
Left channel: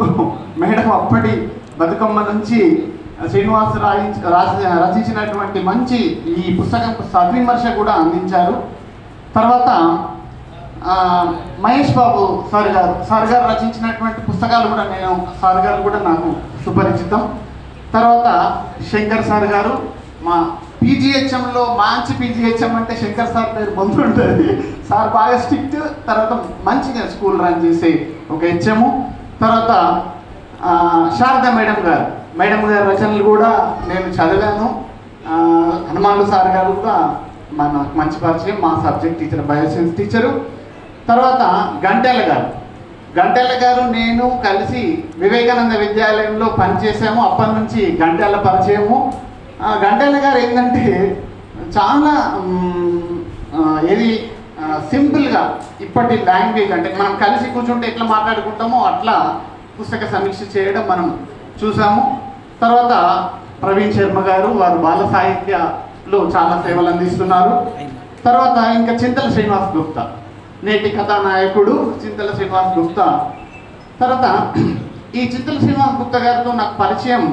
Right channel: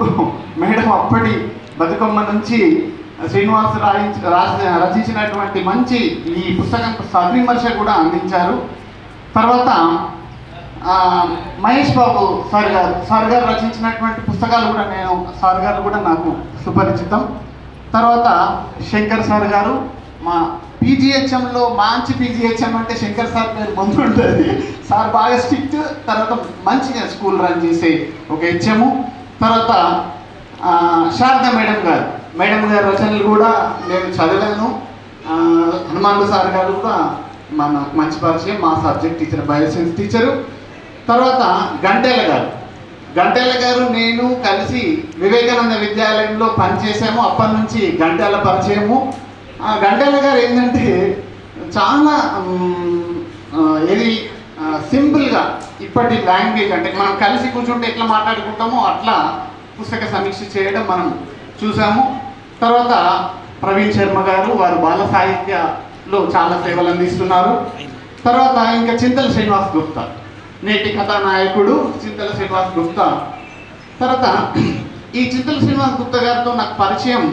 మేడం అప్పటి బతుకమ్మ నుంచి శ్రీనివాస్ రచించినటువంటి మంచి ఈ పుస్తకం సద్విమర్శ కూడా అందించారు. తర్వాత మహేష్ బాబు సార్ గారు రచించినటువంటి పుస్తకాలు కూడా సార్ గారు కూడా నాకు సుపరిచితం. తర్వాత శంకర్ సార్ గారు, మా పీజీహెచ్ఎంలో మంచి పీజీహెచ్ఎం అంటే శంకర్ సార్ పేరు ముందు ఉంటుంది. సార్ బాగా స్ట్రిక్ట్, తర్వాత మంచిగా స్కూల్ రన్ చేసే ఒక హెచ్ఎము. తర్వాత శారదా మేడం గారి రచనలు కూడా నేను చదివాను. హనుమాన్లు సార్ గారు కూడా మన మంచి పరిచయం, మా సబ్జెక్ట్ టీచర్, బయోసైన్స్ టీచరు. తర్వాత గంటెల గారు నేను కలిసి వివేకానంద విద్యాలయంలో పనిచేసాము. అప్పటి నుంచి గంటెల పరిచయము. గంటెల గారు ఏంటంటే చాలా సింపుల్గా ఇప్పటి లాంగ్వేజ్ అంటే మనం కలిసి కూర్చుంటే ఎట్లా మాట్లాడుకుంటామో అట్లా పుస్తక సమీక్ష చేయడం మనం చూసాము. తర్వాత ప్రవీణ్ శర్మ గారు, వారు బాల సాహిత్యలో చాలా సేవలు అందిస్తున్నారు. తర్వాత ఇంకా చింతల శ్రీనివాస్ గుప్తా, నేటి కథానాయకుడు చింతల శ్రీనివాస్ గుప్తా. తర్వాత ఈ చింతల శ్రీనివాస్ గుప్తా గారితో నాకు పరిచయం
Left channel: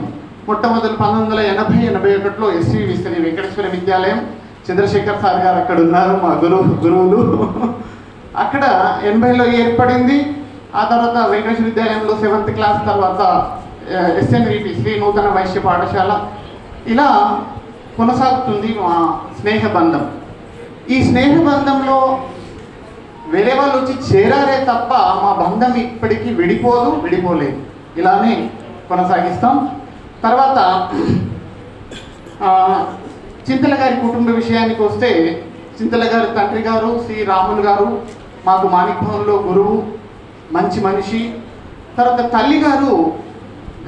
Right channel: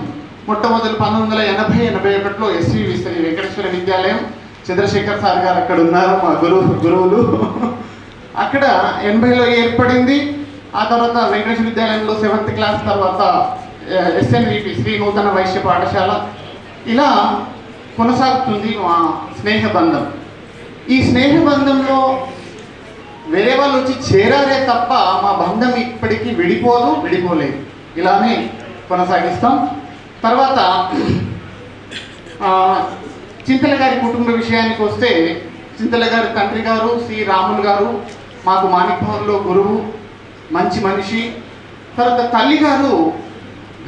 మొట్టమొదటి 1980-81లో ఎస్వి శ్రీ వెంకటేశ్వర విద్యాలయం, చంద్రశేఖర్ సార్ గారు అక్కడ ఉన్నారు, మా గురువులు. అక్కడ 80లో ఏర్పడింది. ఆ తర్వాత వెంకటేశ్వర విద్యాలయంలో 7th క్లాస్, తర్వాత ఎస్ఎన్విపి శ్రీ నూతన వైశ్య పాఠశాల. ఇలా కొనసాగుతుంది మా స్నేహ బంధం. ఈ స్నేహ బంధంలో వేరే వాళ్ళు వచ్చి చేరారే తప్ప మా బంధం ఇప్పటికీ విడిపోలేదు. ఇలానే కొనసాగిస్తాం. తర్వాత చింతల గారి కుటుంబ విషయానికి వస్తే, చింతల గారి తండ్రి గారు శ్రీ రాములు గారు మాకు మాణిక్యంలో గురువు, మంచి మనిషి. తర్వాత తల్లి గారు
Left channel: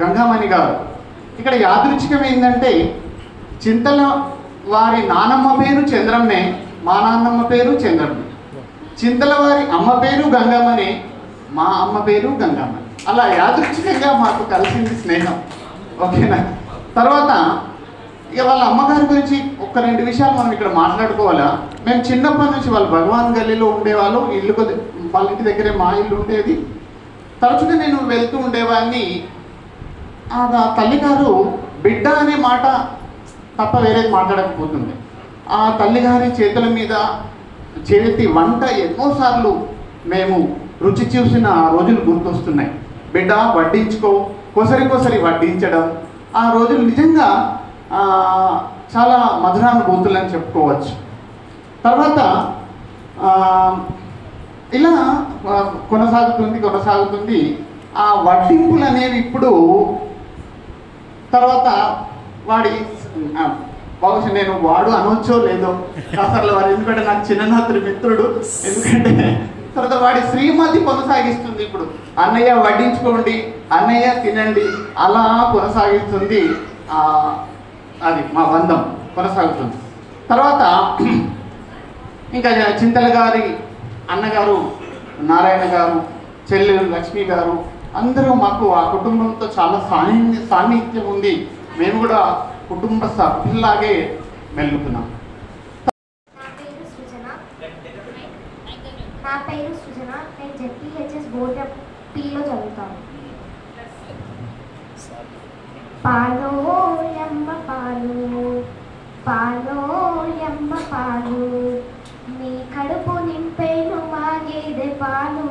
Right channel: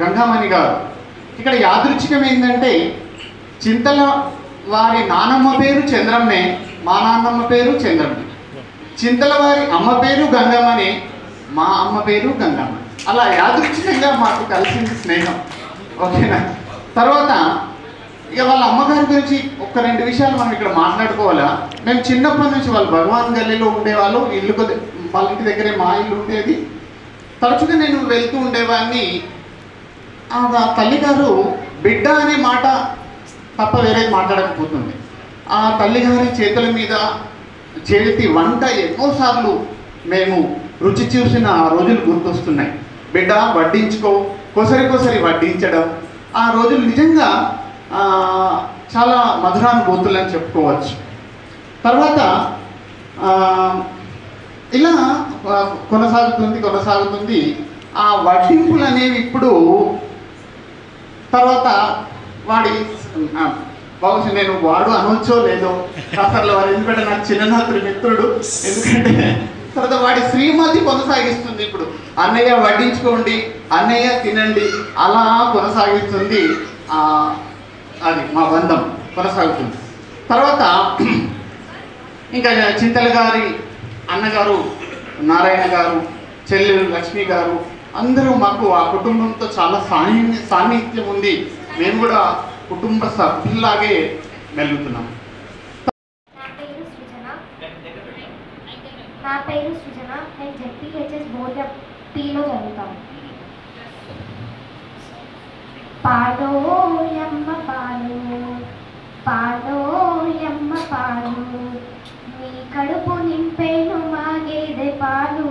గంగామణి గారు. ఇక్కడ యాదృచ్ఛికం ఏంటంటే చింతల వారి నానమ్మ పేరు చంద్రమ్మే, మా నాన్నమ్మ పేరు చంద్రమ్మే. చింతల వారి అమ్మ పేరు గంగామణి, మా అమ్మ పేరు గంగామణి. అలా యాదృచ్ఛికంగా మాకు కలిసింది స్నేహం. ఓకేనా? తర్వాత ఇక వాళ్ళ అమ్మగారి గురించి ఒక 2 విషయాలు మనం ఇక్కడ మాట్లాడుకోవాలా. మేము చిన్నప్పటి నుంచి వాళ్ళు భగవాన్ గల్లీలో ఉండేవాళ్ళు, వాళ్ళ ఇంటి దగ్గరే మా ఇల్లు ఉండేది. తరచుగా నేను వెళ్తూ ఉండేవాడిని. ఆ తల్లిగారు బిడ్డ అనే మాట తప్ప వేరేది మాట్లాడకపోతుంది. ఆ తల్లిగారి చేతుల మీద చేతి వంట ఎన్నోసార్లు మేము రుచి చూసిన ఆ రోజులు గుర్తొస్తున్నాయి. బిడ్డ వడ్డించుకో, కొసరి వడ్డించడం, ఆ రోజులు నిజంగా చాలా మధురానుభూతులని చెప్పుకోవచ్చు. తర్వాత ఇలా కొనసాగుతుంది. ఆ వడ్డింపులు అనేవి ఇప్పుడు తర్వాత బహుశా నేను వాడు అనొచ్చో లేదో కాసర్లో వాడు, ఎందుకంటే నాకు చిన్ననాథుడి మిత్రుడు. ఎందుకంటే తర్వాత వాడి శ్రీమతి కొనసాగిస్తుంది. ఇప్పుడు అన్నయ్య వడ్డించుకోండి, అన్నయ్య తినండి, అలా కొనసాగిస్తుంది. అది మా బంధం కొనసాగుతుంది. తర్వాత ఇంకా చింతల గారి అన్నగారు నారాయణ గారు, చెల్లెలు లక్ష్మి గారు అందరూ మాకు ఆ కుటుంబంతో చాలా సాన్నిహిత్యం ఉంది. మేము కూడా కుటుంబ సభ్యుల్లాగే వెళ్తున్నాం. నా పేరు సృజన. నేను జెడ్పీహెచ్ఎస్ బోర్డు టీలో చదువుతాను. పాలోయమ్మ పాలు, పాలోయమ్మ పాలు, నీ కడుపు నింపేను మా గేదె పాలు,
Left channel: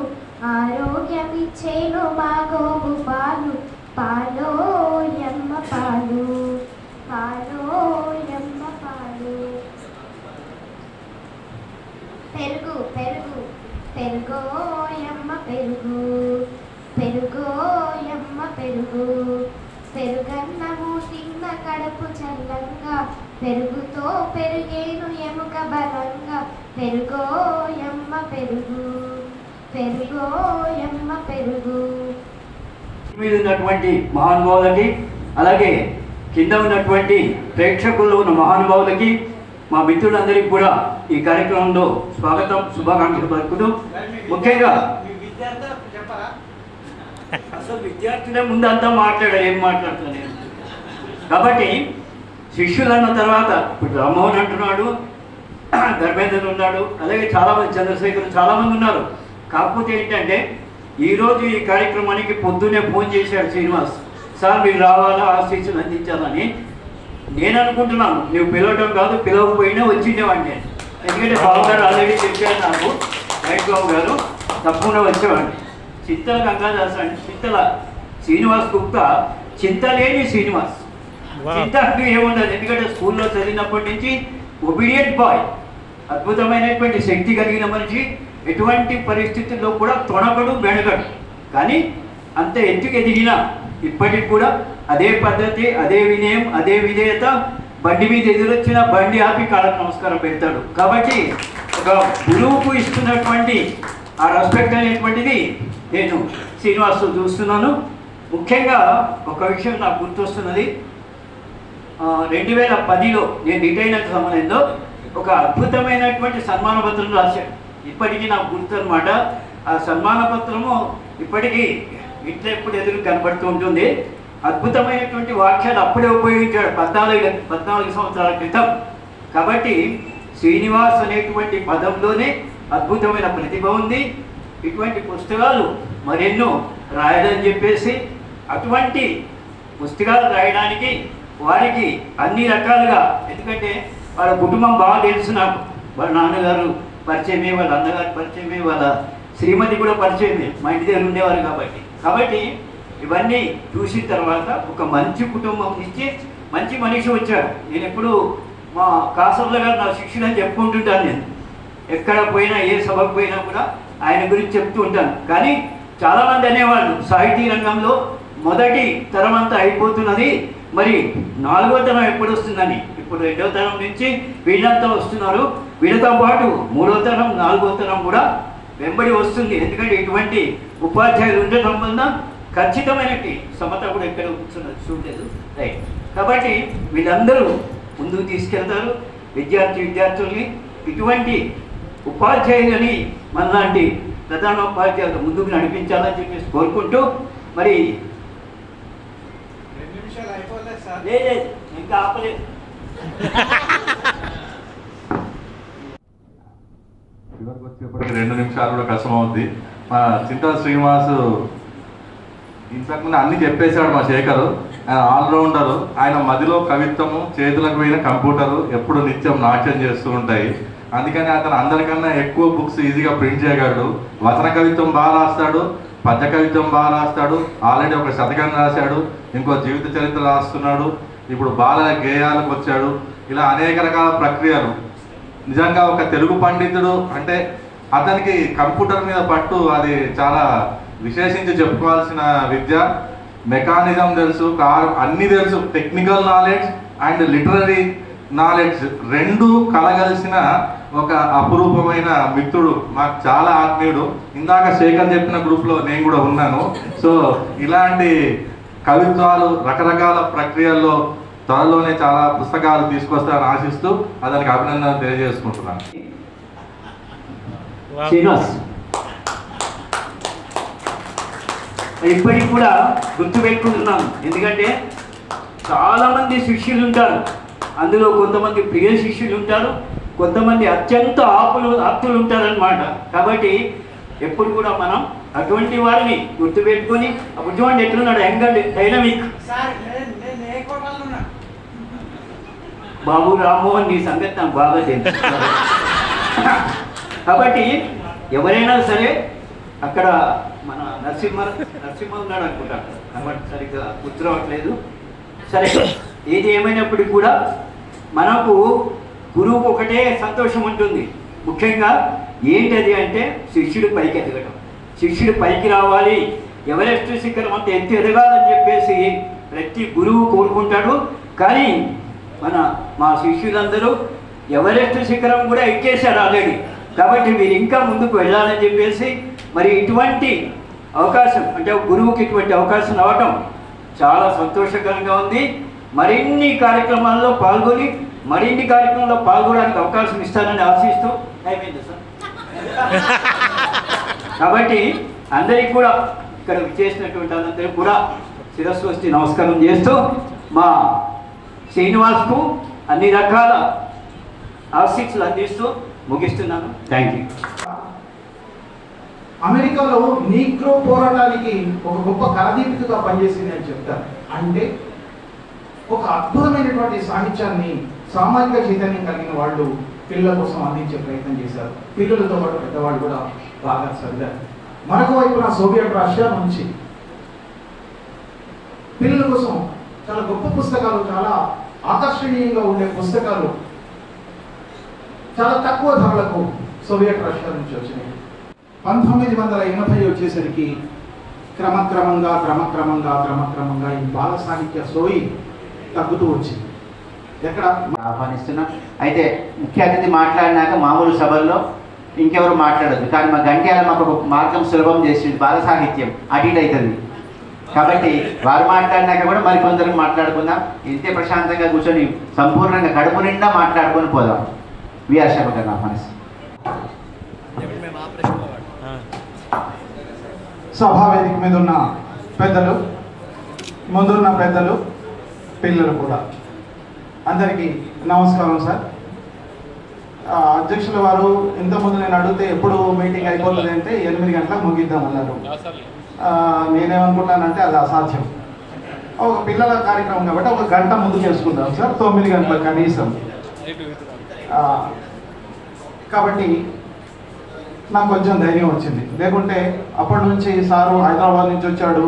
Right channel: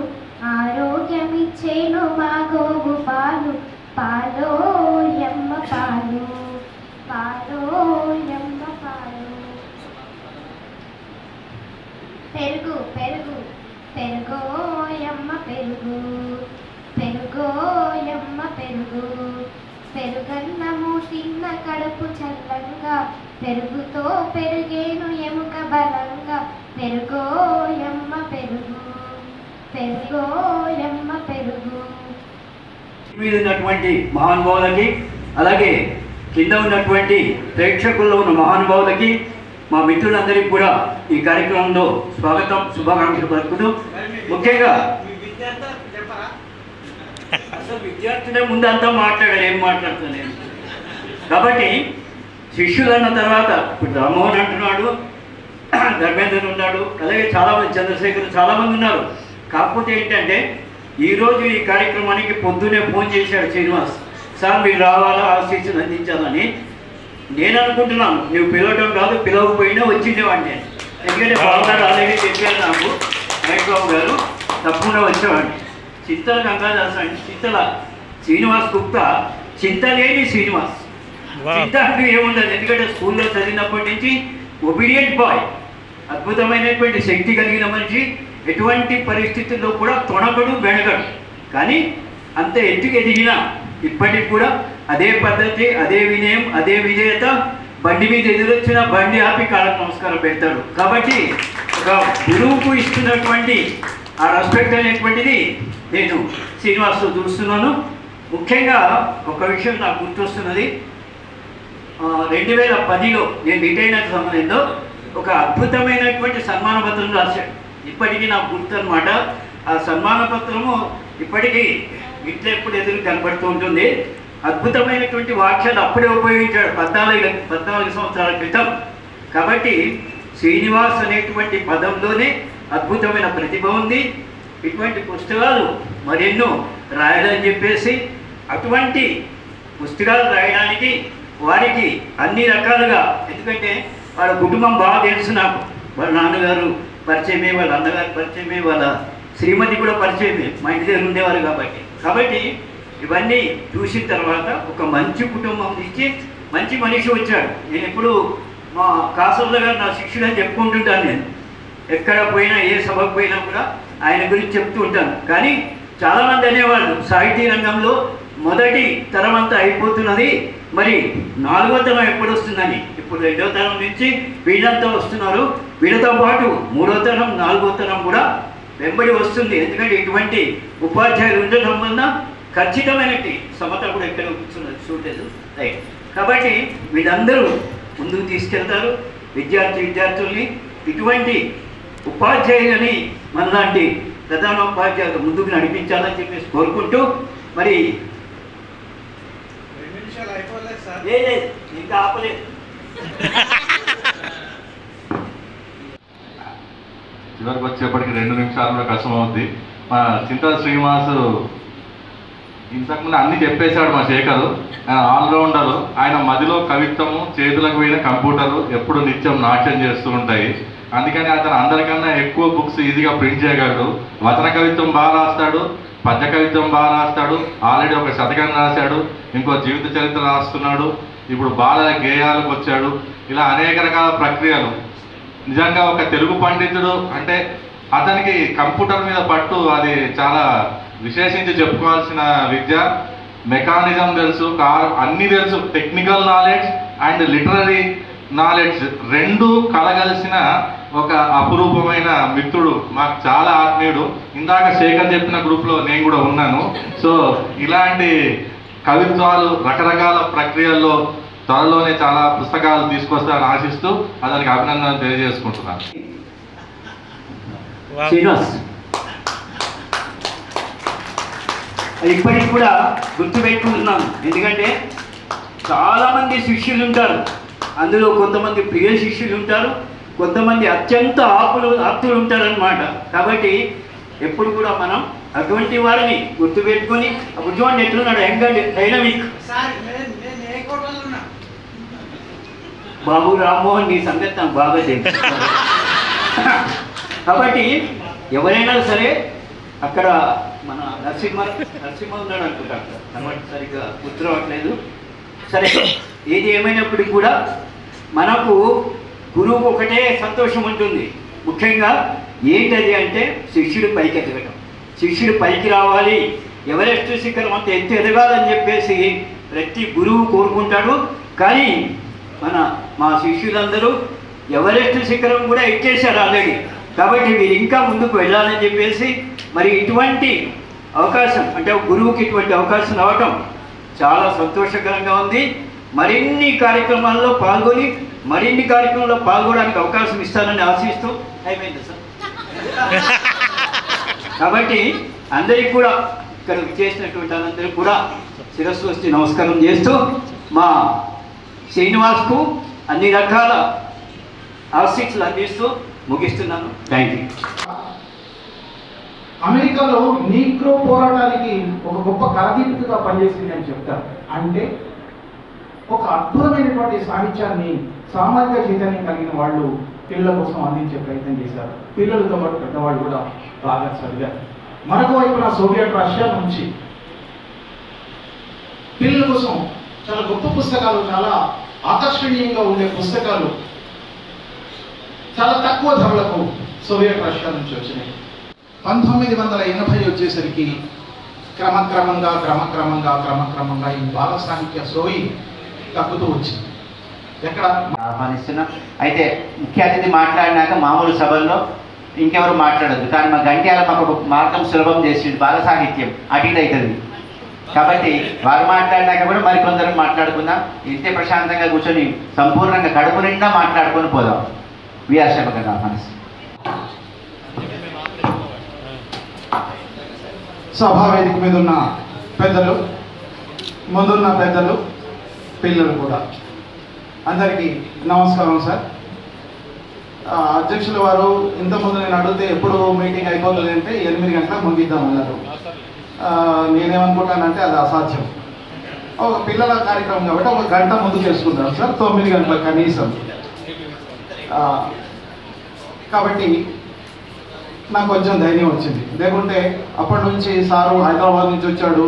ఆరోగ్యమిచ్చేను మా గోగు పాలు, పాలోయమ్మ పాలు, పాలోయమ్మ పాలు. పెరుగు పెరుగు పెరుగోయమ్మ పెరుగు, పెరుగోయమ్మ పెరుగు, పెరుగన్నము తిన్న కడుపు చల్లగా, పెరుగుతో పెరిగేను ఎముక బలంగా, పెరుగోయమ్మ పెరుగు, పెరుగోయమ్మ పెరుగు. మీద ఉన్నటువంటి మహానుభావులకి, అలాగే కింద ఉన్నటువంటి ప్రేక్షకుల్లో ఉన్న మహానుభావులకి, మా మిత్రులందరికీ కూడా ఈ కార్యక్రమంలో స్వాగతం, శుభాకాంక్షలు పలుకుతూ, ముఖ్యంగా అసలు విద్యార్థులే ముందు అంతా మాట్లాడారు, ఏం మాట్లాడుతున్నాను. కాబట్టి శిష్యులు అన్న తర్వాత ఇప్పుడు రామ్మోహన్ అంటున్నాడు, ధర్మేంద్రుడు ఉన్నాడు, అలాగే చాలామంది చంద్రశేఖర్ చాలామంది ఉన్నారు. కాకపోతే ఏంటంటే ఈరోజు ఈ కార్యక్రమానికి పొద్దున్నే ఫోన్ చేశాడు శ్రీనివాస్, సార్ మీరు రావాలా, ఆశీస్సులు అందించాలని. నేను అనుకుంటున్నాను నువ్వు పిలవటం కాదు, పిలవకపోయినా వచ్చిండేవాడిని. ఎందుకంటే బాబు గారు ఆల్రెడీ చెప్పారు నాకు, నైట్ బాబు గారు తప్పకుండా వచ్చేవాడిని. చింతల గంగాదాస్ అండి, చింతల శ్రీనివాస్ గుప్తా, చింతలేని శ్రీనివాస్. చింత అంటూ ఏముండదు, ఎందుకంటే స్కూల్లో చదివినప్పటి నుంచి ఒబీడియంట్ బాయ్, అద్భుతమైనటువంటి శక్తి కలిగిన మనిషి. ఎటువంటి పరిస్థితుల్లో కూడా తొణకడు బెణగడు, కానీ అంత ఎత్తుకు ఎదిగినా ఇప్పటికి కూడా అదే పద్ధతి, అదే వినయం, అదే విధేయత. బండి మీద ఎదురొచ్చిన బండి ఆపి కాళ్ళకు నమస్కారం పెడతాడు. కాబట్టి ఒక గురువుకు ఇస్తున్నటువంటి ఆ రెస్పెక్ట్ అనేటువంటిది నేను శ్రీనివాస్తో చూస్తున్నాను. ముఖ్యంగా ఒక విషయం నాకు గుర్తొస్తున్నది, 2010లో నేను రిటైర్ అయిన సమయంలో ఒక అద్భుతమైనటువంటి సన్మాన పత్రం రాశాడు. ఇప్పటికీ నాకు గుర్తు అనమాట. ఆ సన్మాన పత్రము ఇప్పటికీ ఇట్లా ఎప్పుడు ఎదురు కనబడుతూ ఉంటుంది. అద్భుతమైనటువంటి వాక్యాలు అప్పుడే ఉపయోగించాడు 14 సంవత్సరాల క్రితం. కాబట్టి శ్రీనివాస్ అనేటువంటి పదంలోనే అద్భుతమైన ప్రతిభ ఉంది. ఇటువంటి పుస్తకాలు మరెన్నో రాయాలని చెప్పేసి, అటువంటి పుస్తకాలు రాయడానికి వారికి అన్ని రకాలుగా, ఎందుకంటే వాళ్ళ కుటుంబం బాగా తెలుసు నాకు. వాళ్ళ నాన్నగారు పరిచయమే, వాళ్ళ అన్నగారు పరిచయమే, వాళ్ళ శ్రీమతి కూడా పరిచయమే, మా ఇంటి దగ్గర ఉండేవారు. కాబట్టి ఇవన్నీ చూసిన తర్వాత ఒక మంచి కుటుంబం నుంచి మంచి మనిషి వచ్చాడు. నేను ఎప్పుడు మా కాసర్ల గారు నా శిష్యుడు అని చెప్పుకుంటుంటాను. నేను ఎక్కడ పోయినా, ఏ సభకు పోయినా కూడా ఆయన గురించి చెప్తూ ఉంటాను. కానీ చాలామంది అనేవాళ్ళు సాహితీ రంగంలో మొదటి తరం అంతా అయిపోతున్నది, మరి 4వ తరం ఎప్పుడు వస్తుందని. ఇప్పుడు 2వ తరం నుంచి వీళ్ళంతా వస్తున్నారు, వీళ్ళతో పాటు 3వ తరం 4వ తరం కూడా వెంబడి వస్తుంది. ఎందుకంటే ఇటువంటి ఉపాధ్యాయులు ఉండటం వల్ల ఖచ్చితమైనటువంటి సమత కూడా ఎక్కడ కూర్చున్నది చూడలేదు, రైట్. కాబట్టి వీళ్ళందరూ ముందుకు తీసుకెళ్తారు విద్యార్థుల్ని. ఇటువంటి ఉపాధ్యాయులని మనలాంటి ప్రధాన ఉపాధ్యాయులు ముందుకు నడిపించాలని చెప్పేసి కోరుకుంటూ, మరి లేదు ఇంకా ఆపలేదు. చివరికి వచ్చేప్పటికి 2 నిమిషాలు కూడా కష్టం అవుద్ది. మన చింతా శ్రీనివాస్ ఇంతకుముందు అన్ని చెప్పేశాడు మా శేఖర్. ఆయన ఆల్రౌండరు. ఆయన మదిలో కవిత్వము, చేతులకు పోయిన కంప్యూటరు ఎప్పుడు నిత్యం నాట్యం చేస్తూ ఉంటాయి. అందుకని అతను అందరికన్నా ఎక్కువ బుక్స్ ఈజీగా ప్రింట్ చేయగలడు. వచన కవిత్వం బాగా రాస్తాడు, పద్య కవిత్వం బాగా రాస్తాడు. ఆల్రెడీ ఒక శతకం రాశాడు, ఇంకో జీవిత చరిత్ర రాస్తున్నాడు, ఇప్పుడు బాల గేయాలకు వచ్చాడు. ఇలా అనేక రకాల ప్రక్రియలు. నిజంగా ఒక తెలుగు పండితుడు అంటే అతనికి కంప్యూటర్ మీద పట్టు అది చాలా విశేషించి చెప్పుకోవాల్సిన విద్య. మెకానిజం తెలుసు, అన్నీ తెలుసు. Technical knowledge and literary knowledge రెండు కలగలిసిన ఒక అపురూపమైన మిత్రుడు, మాకు చాలా ఆత్మీయుడు. ఇందాక శేఖర్ చెప్పిన గ్రూప్లో నేను కూడా ఉన్నాను. సో ఇలాంటి కవిత్వాలు రకరకాల ప్రక్రియల్లో త్వరలోనే చాలా పుస్తకాలు తీసుకొస్తారని ఆశిస్తూ అతనికి అభినందనలు తెలియజేసుకుంటున్నాను. ఇప్పటికి కూడా గుర్తుపెట్టుకుంటున్నాను, ఎందుకంటే చాలామంది శిష్యులు ఉంటారు. అందులో కొంతమంది ప్రియ శిష్యులు ఉంటారు, కొంతమంది అత్యంత ఆప్తులు ఉంటారనమాట. కాబట్టి ఎప్పుడు కూడా మనం అటువంటి వారిని గుర్తుపెట్టుకుని ఉద్యోగం ఎట్లున్నాడు యంగ్ డైనమిక్ బాబు రామ్మోహన్ నీ సంగతి నాకు బాగా తెలుసు. కాబట్టి ఎవరైనా సరే అక్కడ మన నరసింహ ఉన్నాడు అనుకుంటారు, సరిగ్గా గుర్తు రావట్లేదు. సరే, ఏది ఏమైనప్పటికీ కూడా మనకు గురువుకు ఒకటే సంతోషం ఉంటుంది. ముఖ్యంగా ఏంటది అంటే శిష్యుడు పైకి ఎదగడం, శిష్యుడు పైకి రావాలి, ఎవరెస్ట్ శిఖరం అంత ఎత్తు ఎదగాలని చెప్పేసి ప్రతి గురువు కోరుకుంటాడు. కానీ మా శిష్యులందరూ ఎవరెస్ట్ శిఖరం కూడా ఎక్కేశారు ఆల్రెడీ. కాబట్టి వీరు ఇంకా ముందుకు వెళ్ళాలని చెప్పేసి మరి ఇటువంటి అవకాశం అంటే గురువుకి ఇటువంటి అవకాశం రావటం చాలా సంతోషకరంగా ఉంది. మరిన్ని కార్యక్రమాల్లో పాల్గొని మరిన్ని కార్యక్రమాల్లో పాల్గొనడానికి అవకాశం ఇస్తారని ఆశిస్తూ అయిపోయింది సార్. కాబట్టి అందరికి కూడా ఇక్కడ చేసినటువంటి అందరికి కూడా శిరస్సు వచ్చి నమస్కారం చేస్తూ మా శ్రీనివాస్కు అన్ని రకాల ఆశీస్సులు అందిస్తూ ముగిస్తున్నాను. Thank you. అమెరికాలో నీగ్రో పోరాటానికి ఒక గొప్ప కరదీపికగా పనిచేసింది అని చెప్తారు. అంటే ఒక అద్భుతమైనటువంటి సాహిత్యాన్ని సామాజిక చైతన్యం కలిగిన వాళ్ళు పిల్లల కోసం అందించే ప్రయత్నం చేశారు. పిల్లలతో పాటు పెద్దవాళ్ళు కూడా బాగా చదివారు. మరొక వైపున సోవియట్ రష్యా నుంచి పిల్లల కోసం చాలా గొప్ప పుస్తకాలు, చాలా ఆకర్షణీయంగా ఉండే పుస్తకాలు చాలా తక్కువ ధరలకు సోవియట్ రష్యా నుంచి వచ్చినాయి. 1980 వచ్చేసరికి క్రమక్రమంగా ఈ బాల సాహిత్య సోయి తగ్గుతూ వచ్చింది. ఎక్కడ ఆహ్వానిస్తున్నాం. అయితే ముఖ్య అతిథి మాట్లాడినాక మామూలు సభల్లో ఇంకెవరు మాట్లాడదు. కానీ మా గంట్యాల మాకు ఒక మార్గం సులభం చేసింది. బాల సాహిత్యం అటు ఇటు అవుతుంది కాబట్టి వారు మాట్లాడినాక కూడా మరికొందరు మాట్లాడుకుందాం. ఇంతే ప్రశాంతంగా కూర్చొని సంపూర్ణంగా కడుపు నిండా మాట్లాడుకొని పోదాం. విఆర్ శర్మ గారు ఆహ్వానిస్తాం. సభా వేదిక మీద ఉన్న పెద్దలు, ముందున్న పెద్దలు, పిల్లలు కూడా అందరికీ నమస్కారం సార్. అధ్యక్షుల వారు ఇంతకుముందు నేను అడిగితే ఎప్పుడు మీటింగ్ అయిపోతుంది అంటే 8 గంటలకు ముగిద్దాం అన్నారు. నేనేమనుకుంటానంటే అది అసాధ్యం. ఒక పిల్లల కార్యక్రమం కాబట్టి ఒక గంట ముందు చేసుకుంటాం సార్, 9 గంటలకు కనీసం. కాబట్టి నాకు కొంచెం ధైర్యం వచ్చింది. లేకుంటే అప్పటి నుంచి సారు హైదరాబాద్ నుంచి వచ్చాడు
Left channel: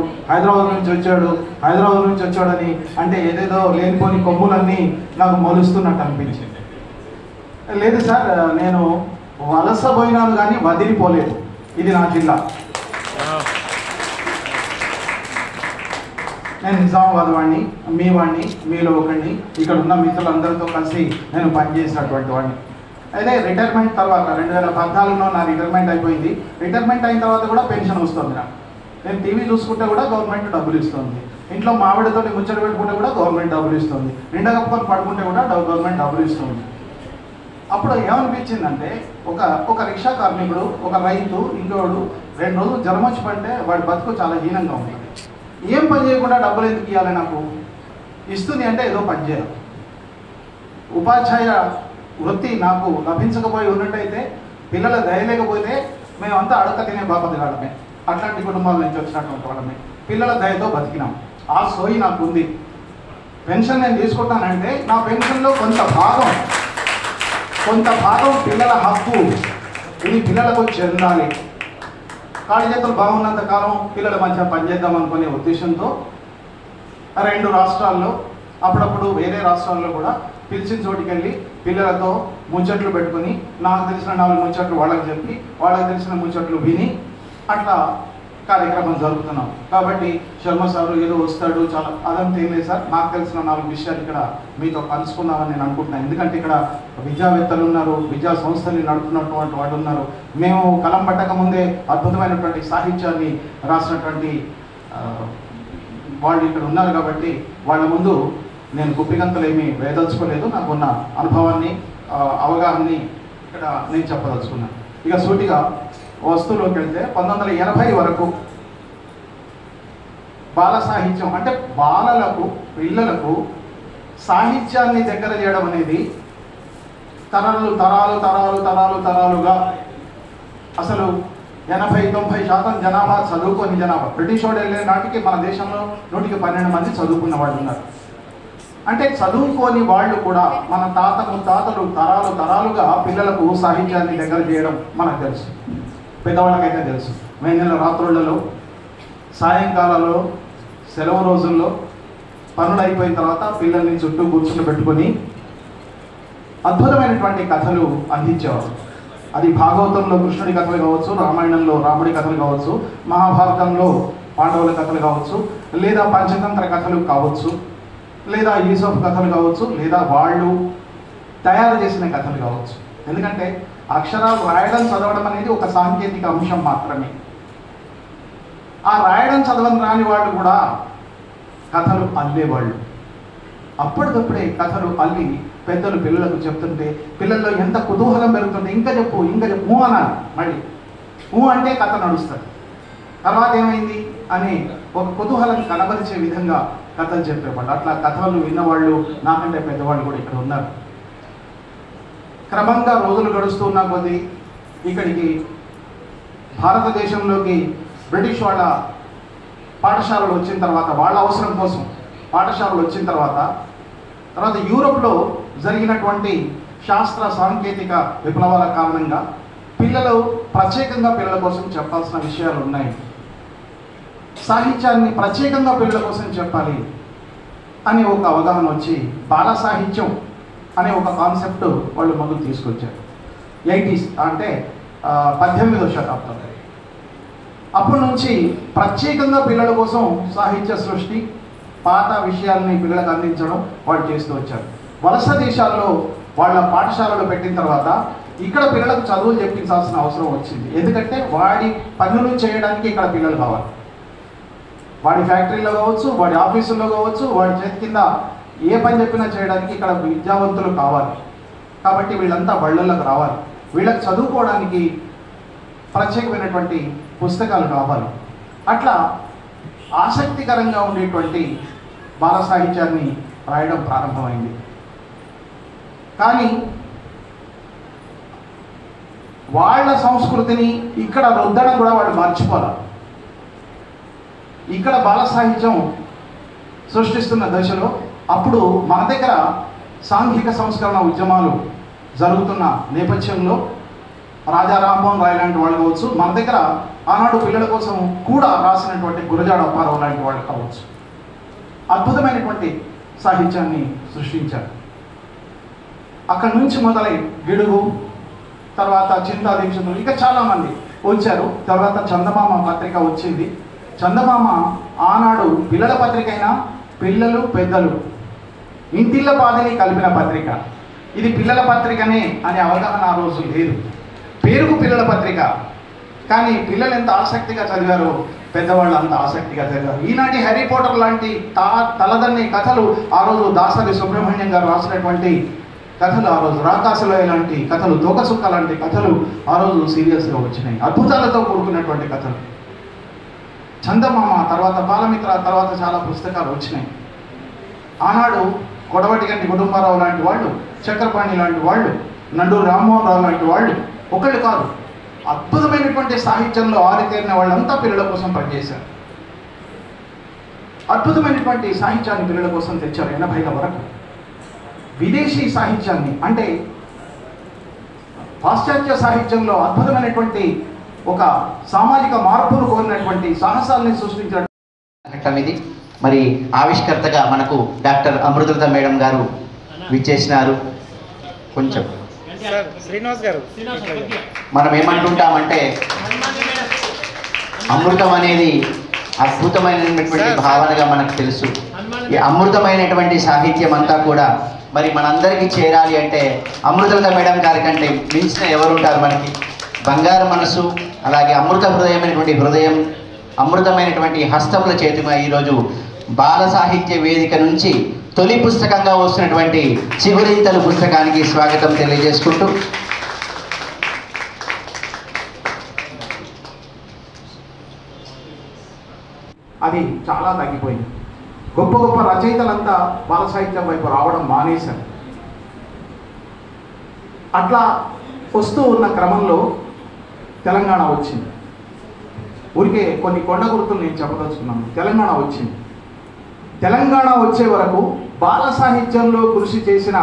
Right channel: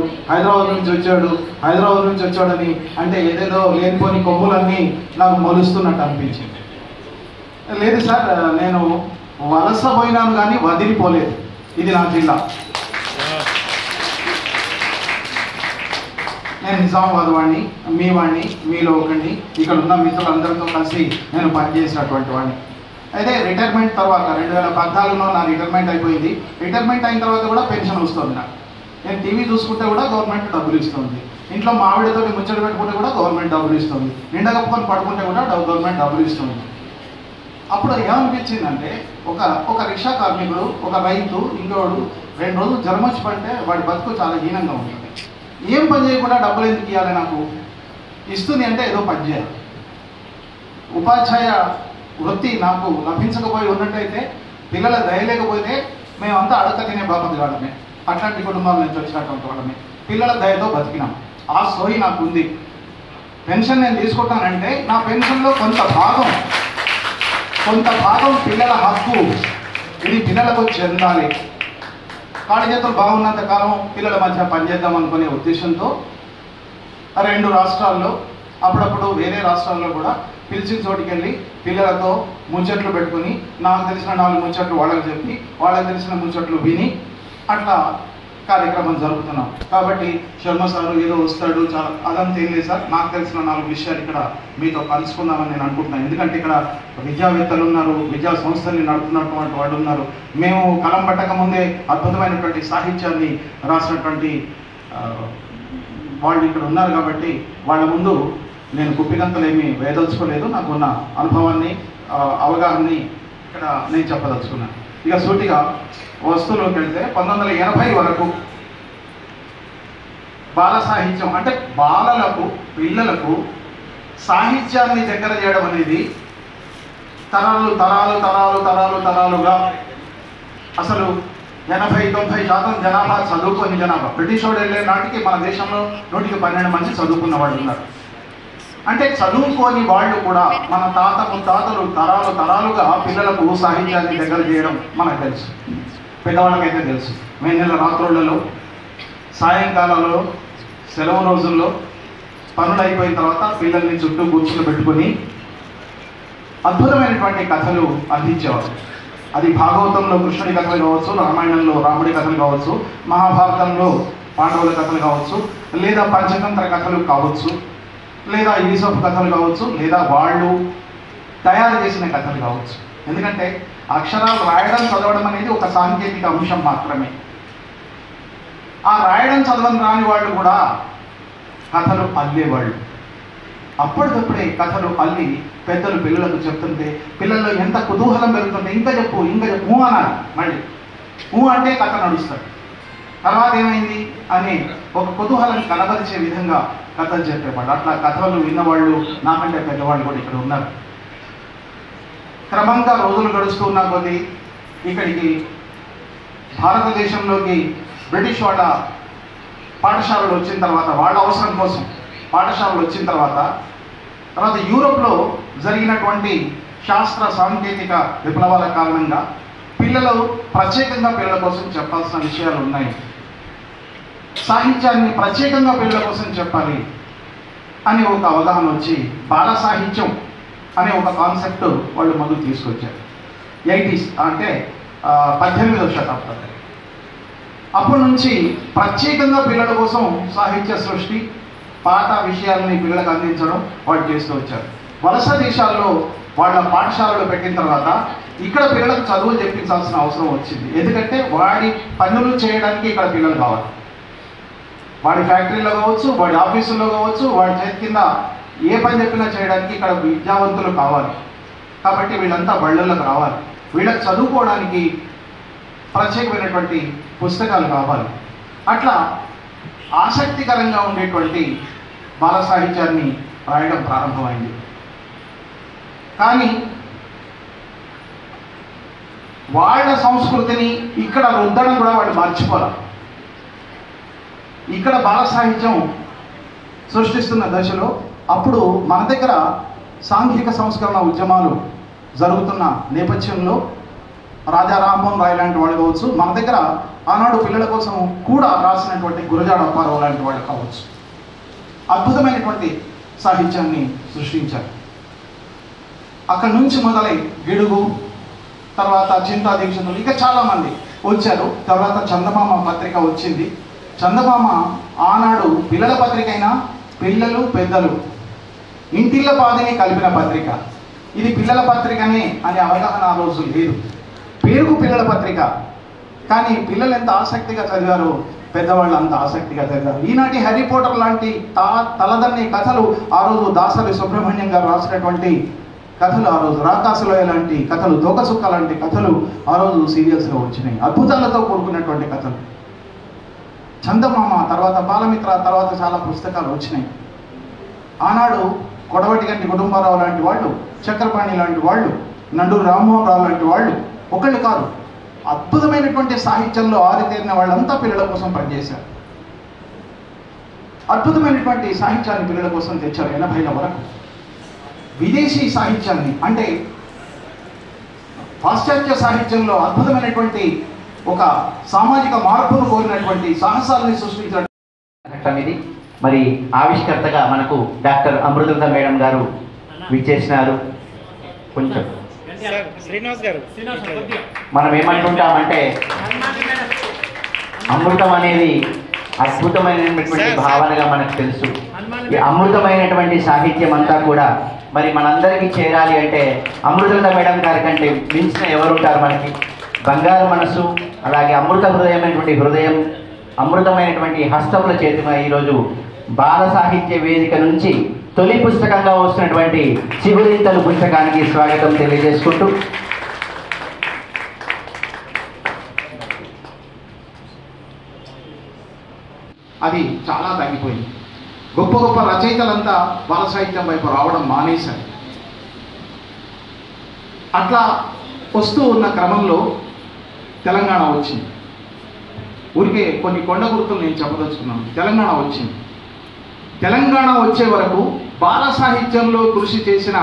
అని అంటే ఏదేదో లేనిపోని కొమ్ములన్నీ నాకు మొలుస్తున్నట్టు అనిపించింది. లేదు సార్, నేను వలస పోయినాను కానీ వదిలిపోలేదు. ఇది నా జిల్లా. నేను నిజామాబాద్ వాడిని, మీ వాడిని, మీలో ఒకడిని, ఇక్కడ ఉన్న మిత్రులందరితో కలిసి నేను పనిచేసినటువంటి వాడిని. అయితే రిటైర్మెంట్ తర్వాత 2014లో నా రిటైర్మెంట్ అయిపోయింది. రిటైర్మెంట్ అయిన తర్వాత కూడా పెన్షన్ వస్తుంది నాకు. నేను టీవీ చూసుకుంటే కూడా గవర్నమెంట్ డబ్బులు ఇస్తుంది. ఇంట్లో మావిడితో ముచ్చట పెట్టుకుంటే కూడా గవర్నమెంట్ డబ్బులు ఇస్తుంది. నిండా కప్పుకొని పడుకుంటే కూడా గవర్నమెంట్ డబ్బులు ఇస్తుంది. అప్పుడు ఏమనిపించిందంటే ఒక రిక్షా కార్మికుడు, ఒక రైతు, ఇంకోడు 2 రోజులు జ్వరం వచ్చి పడితే వాడి బతుకు చాలా హీనంగా ఉంటుంది. ఏం పని చేయకుండా డబ్బులు ఎందుకు ఇవ్వాలి? నాకు ఇస్తుంది అంటే ఏదో పని చేయాలి. ఉపాధ్యాయ వృత్తి నాకు లభించకపోయి ఉన్నట్టయితే, పిల్లల దయ లేకపోతే మేమంతా అడక తినే బాపతి కాడమే. అట్లాంటి కుటుంబాల నుంచి వచ్చినటువంటి వాళ్ళని పిల్లల దయతో బతికినాం. ఆ సోయి నాకు ఉంది. పెన్షన్ నేను తీసుకుంటానంటే నా పెన్షన్లో కొంత భాగం పిల్లల హక్కు, ఇది పిల్లలకు చెందాలి. కాళ్ళ చేతులు బాగున్నంత కాలం పిల్లల మధ్య పనిచేద్దాం అనుకునే ఉద్దేశంతో 2 రాష్ట్రాల్లో, అప్పుడప్పుడు వేరే రాష్ట్రాల్లో కూడా పిలిచిన చోటికి వెళ్ళి పిల్లలతో ముచ్చట్లు పెట్టుకుని, నాకు తెలిసిన 4 ముచ్చట్లు వాళ్ళకి చెప్పి, వాళ్ళకి తెలిసిన ముచ్చట్లు విని అట్లా కార్యక్రమం జరుపుతున్నాం. కాబట్టి శర్మ సారు ఏదో వస్తాడు చాలా అదంతా ఏం లేదు సార్. నాకు తెలిసిన 4 విషయాలు ఇక్కడ మీతో కలుసుకుందామని నేను అనుకుంటున్నాను. ఎందుకంటే ఇక్కడ విద్యావేత్తలు ఉన్నారు, విద్యా సంస్థల్ని నడుపుతున్నటువంటి వాళ్ళు ఉన్నారు. మేము కలం పట్టక ముందే అద్భుతమైనటువంటి సాహిత్యాన్ని రాసినటువంటి వాళ్ళు ఇక్కడ ఉన్నారు. కాబట్టి వాళ్ళ ముందు నేను గుప్పిగంతలు ఏమీ వేదలుచుకోలేదు. నాకున్న అనుభవాన్ని అవగాహనని ఇక్కడ నేను చెప్పదలుచుకున్నాను. ఇక సూటిగా వస్తువులోకి వెళ్తే 1980 వరకు బాల సాహిత్యం అంటే పిల్లలకు సాహిత్యాన్ని దగ్గర చేయడం అనేది తరాలుగా అసలు 80-90% జనాభా చదువుకొని జనాభా. బ్రిటిష్ వాడు వెళ్ళే నాటికి మన దేశంలో 112 మంది చదువుకున్న వాళ్ళు ఉన్నారు. అంటే చదువుకోని వాళ్ళు కూడా మన తాత ముత్తాతలు తరాలుగా పిల్లలకు సాహిత్యాన్ని దగ్గర చేయడం మనకు తెలుసు, పెద్దవాళ్ళకైతే తెలుసు. మే నెల రాత్రులలో, సాయంకాలాలలో, సెలవు రోజుల్లో పనులు అయిపోయిన తర్వాత పిల్లల్ని చుట్టూ కూర్చుని పెట్టుకొని అద్భుతమైనటువంటి కథలు అందించేవారు. అది భాగవతంలో కృష్ణుడి కథలు కావచ్చు, రామాయణంలో రాముడి కథలు కావచ్చు, మహాభారతంలో పాండవుల కథలు కావచ్చు, లేదా పంచతంత్ర కథలు కావచ్చు, లేదా యూసఫ్ కథలు కావచ్చు, లేదా వాళ్ళు తయారు చేసిన కథలు కావచ్చు. ఎందుకంటే అక్షరాలు రాయడం చదవడం అనేది ఒక సాంకేతిక అంశం మాత్రమే. ఆ రాయడం చదవడం రాని వాళ్ళు కూడా కథలు అల్లేవాళ్ళు. అప్పటికప్పుడే కథలు అల్లి పెద్దలు పిల్లలకు చెప్తుంటే పిల్లల్లో ఎంత కుతూహలం పెరుగుతుంటే ఇంకా చెప్పు అనాలి. మళ్ళీ అంటే కథ నడుస్తుంది. తర్వాత ఏమైంది అని ఒక కుతూహలం కనబరిచే విధంగా కథలు చెప్పేవాళ్ళు. అట్లా కథలు విన్నవాళ్ళు నాకంటే పెద్దవాళ్ళు కూడా ఇక్కడ ఉన్నారు. క్రమంగా రోజులు గడుస్తున్న కొద్దీ ఇక్కడికి భారతదేశంలోకి బ్రిటిష్ వాళ్ళ పాఠశాలలు వచ్చిన తర్వాత, వాళ్ళ అవసరం కోసం పాఠశాలలు వచ్చిన తర్వాత యూరోప్లో జరిగినటువంటి శాస్త్ర సాంకేతిక విప్లవాల కారణంగా ప్రత్యేకంగా పిల్లల కోసం చెప్పాల్సిన విషయాలు ఉన్నాయి. సాహిత్యాన్ని ప్రత్యేకంగా పిల్లల కోసం చెప్పాలి అనే ఒక అవగాహన వచ్చి బాల సాహిత్యం అనే ఒక కాన్సెప్ట్ వాళ్ళు మొదలు తీసుకొచ్చారు. 80s అంటే 18వ శతాబ్దం. అప్పటి నుంచి ప్రత్యేకంగా పిల్లల కోసం సాహిత్య సృష్టి, పాత విషయాలని పిల్లలకు అందించడం వాళ్ళు చేస్తూ వచ్చారు. వలస దేశాల్లో వాళ్ళ పాఠశాలలు పెట్టిన తర్వాత ఇక్కడ పిల్లలకు చదువులు చెప్పించాల్సిన అవసరం వచ్చింది. ఎందుకంటే వాడి పనులు చేయడానికి ఇక్కడ పిల్లలు కావాలి. వాడి ఫ్యాక్టరీలో కావచ్చు, వాడి ఆఫీసుల్లో కావచ్చు, వాడి చేతి కింద ఏ పని చెప్పినా చేయడానికి ఇక్కడ విద్యావంతులు కావాలి. కాబట్టి వీళ్ళంతా బళ్ళల్లోకి రావాలి. వీళ్ళకి చదువుకోవడానికి ప్రత్యేకమైనటువంటి పుస్తకాలు కావాలి. అట్లా ఆసక్తికరంగా ఉండేటువంటి బాల సాహిత్యాన్ని రాయడం ప్రారంభమైంది. కానీ వాళ్ళ సంస్కృతిని ఇక్కడ రుద్దడం కూడా వాళ్ళు మర్చిపోరు. ఇక్కడ బాల సాహిత్యం సృష్టిస్తున్న దశలో అప్పుడు మన దగ్గర సాంఘిక సంస్కరణ ఉద్యమాలు జరుగుతున్న నేపథ్యంలో రాజా రామ్మోహన్ రాయ్ లాంటి వాళ్ళు కావచ్చు, మన దగ్గర ఆనాడు పిల్లల కోసం కూడా రాసినటువంటి గురజాడ అప్పారావు లాంటి వాళ్ళు కావచ్చు, అద్భుతమైనటువంటి సాహిత్యాన్ని సృష్టించారు. అక్కడి నుంచి మొదలై గిడుగు, తర్వాత చింతా దీక్షితులు, ఇక చాలామంది వచ్చారు. తర్వాత చందమామ పత్రిక వచ్చింది. చందమామ ఆనాడు పిల్లల పత్రిక అయినా పిల్లలు పెద్దలు ఇంటిళ్ళ పాదిని కలిపిన పత్రిక. ఇది పిల్లల పత్రికనే అనే అవగాహన ఆ రోజు లేదు. పేరుకు పిల్లల పత్రిక, కానీ పిల్లలు ఎంత ఆసక్తిగా చదివారో పెద్దవాళ్ళు అంత ఆసక్తిగా చదివారు. ఈనాటి హ్యారీ పోటర్ లాంటి తలదన్ని కథలు ఆ రోజు దాసరి సుబ్రహ్మణ్యం గారు రాసినటువంటి కథలు, ఆ రోజు రాకాసులోయ లాంటి కథలు, తోకసుక్క లాంటి కథలు ఆ రోజు సీరియల్స్గా వచ్చినాయి. అద్భుతాలతో కూడుకున్నటువంటి కథలు. చందమామ తర్వాత బాలమిత్ర తర్వాత చాలా పుస్తకాలు వచ్చినాయి. ఆనాడు కొడవటి గంటి కుటుంబారావు లాంటి వాళ్ళు, చక్రపాణి లాంటి వాళ్ళు, నండూరు రామ్మోహన్ రావు లాంటి వాళ్ళు ఒకళ్ళు కాదు, అద్భుతమైనటువంటి సాహిత్యంలో ఆరితేరిన వాళ్ళంతా పిల్లల కోసం పనిచేశారు. అద్భుతమైనటువంటి సాహిత్యాన్ని పిల్లల కోసం తెచ్చారు 80ల వరకు. విదేశీ సాహిత్యాన్ని అంటే పాశ్చాత్య సాహిత్యంలో అద్భుతమైనటువంటి ఒక సామాజిక మార్పును కోరినటువంటి సాహసాలను సృష్టించడం ఇది. మరి ఆవిష్కర్తగా మనకు డాక్టర్ అమృత మేడం గారు విచ్చేసినారు. కొంచెం శ్రీనివాస్ గారు మనం ఏమంటుంటామంటే అమృతం అనేది అద్భుతమైనటువంటి భావనగా మనకు తెలుసు. ఈ అమృతమైనటువంటి సాహిత్యం అంతా కూడా మరి మనందరికీ చేరాలి అంటే అమృత మేడం గారి కంటే మించిన ఎవరుంటారు మనకి? బంగారు మనసు, అలాగే అమృత హృదయం, అమృతమైనటువంటి హస్తముల చేతిగా ఈరోజు బాల సాహిత్య వేదిక నుంచి తొలి పుస్తకంగా వస్తున్నటువంటి చిగురింతలు పుస్తకానికి స్వాగతం తెలియజేసుకుంటూ అది చాలా తగ్గిపోయింది. గొప్ప గొప్ప రచయితలంతా బాల సాహిత్యం వైపు రావడం మానేశారు. అట్లా వస్తూ ఉన్న క్రమంలో తెలంగాణ వచ్చింది. ఊరికే కొన్ని కొండ గుర్తులు నేను చెప్పదలుచుకున్నాను. తెలంగాణ వచ్చింది. తెలంగాణ వచ్చే వరకు బాల సాహిత్యంలో కృషి చేసిన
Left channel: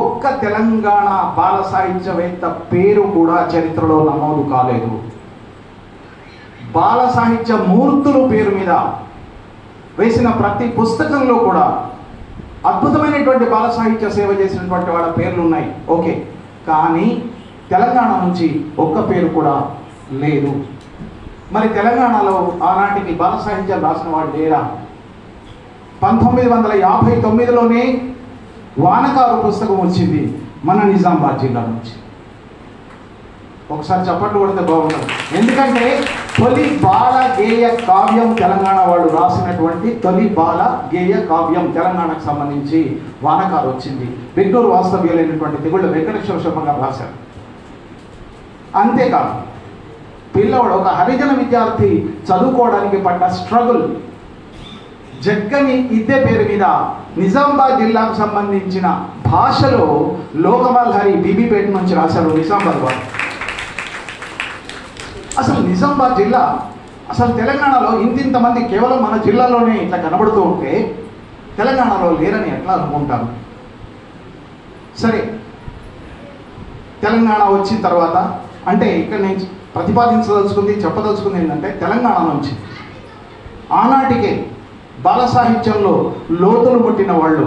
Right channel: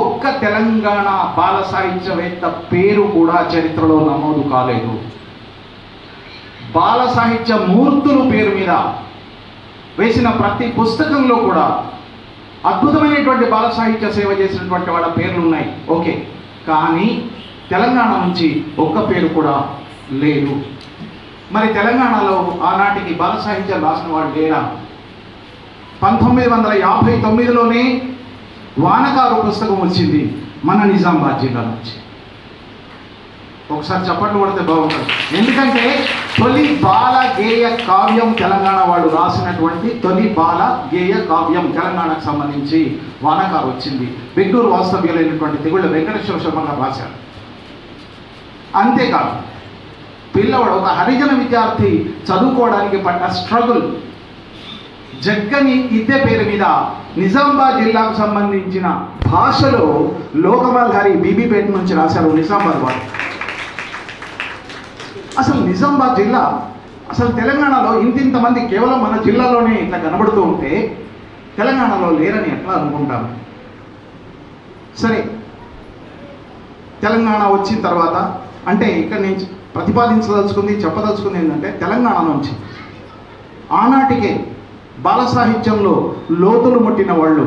ఒక్క తెలంగాణ బాల సాహిత్యవేత్త పేరు కూడా చరిత్రలో నమోదు కాలేదు. బాల సాహిత్య మూర్తులు పేరు మీద వేసిన ప్రతి పుస్తకంలో కూడా అద్భుతమైనటువంటి బాల సాహిత్య సేవ చేసినటువంటి వాళ్ళ పేర్లు ఉన్నాయి. ఓకే, కానీ తెలంగాణ నుంచి ఒక్క పేరు కూడా లేదు. మరి తెలంగాణలో ఆనాటికి బాల సాహిత్యం రాసిన వాళ్ళు లేరా? 1959లోనే వానకారు పుస్తకం వచ్చింది మన నిజామాబాద్ జిల్లా నుంచి. ఒకసారి చప్పట్లు కొడితే బాగుంటుంది. ఎందుకంటే తొలి బాల గేయ కావ్యం తెలంగాణ వాళ్ళు రాసినటువంటి తొలి బాల గేయ కావ్యం తెలంగాణకు సంబంధించి వానకారు వచ్చింది. బెంగళూరు వాస్తవ్యులైనటువంటి తెగుళ్ళ వెంకటేశ్వర శర్మ గారు రాశారు. అంతేకాదు పిల్లవాడు ఒక హరిజన విద్యార్థి చదువుకోవడానికి పడ్డ స్ట్రగుల్, జగ్గని ఇద్దె పేరు మీద నిజామాబాద్ జిల్లాకు సంబంధించిన భాషలో లోకమాల్ హరి బీబీపేట నుంచి రాశారు నిజామాబాద్ వారు. అసలు నిజామాబాద్ జిల్లా అసలు తెలంగాణలో ఇంతింతమంది కేవలం మన జిల్లాలోనే ఇట్లా కనబడుతూ ఉంటే తెలంగాణలో లేరని ఎట్లా అనుకుంటారు? సరే, తెలంగాణ వచ్చిన తర్వాత అంటే ఇక్కడ నేను చెప్పదలుచుకుంది ఏంటంటే తెలంగాణ నుంచి ఆనాటికే బాల సాహిత్యంలో లోతులు ముట్టిన వాళ్ళు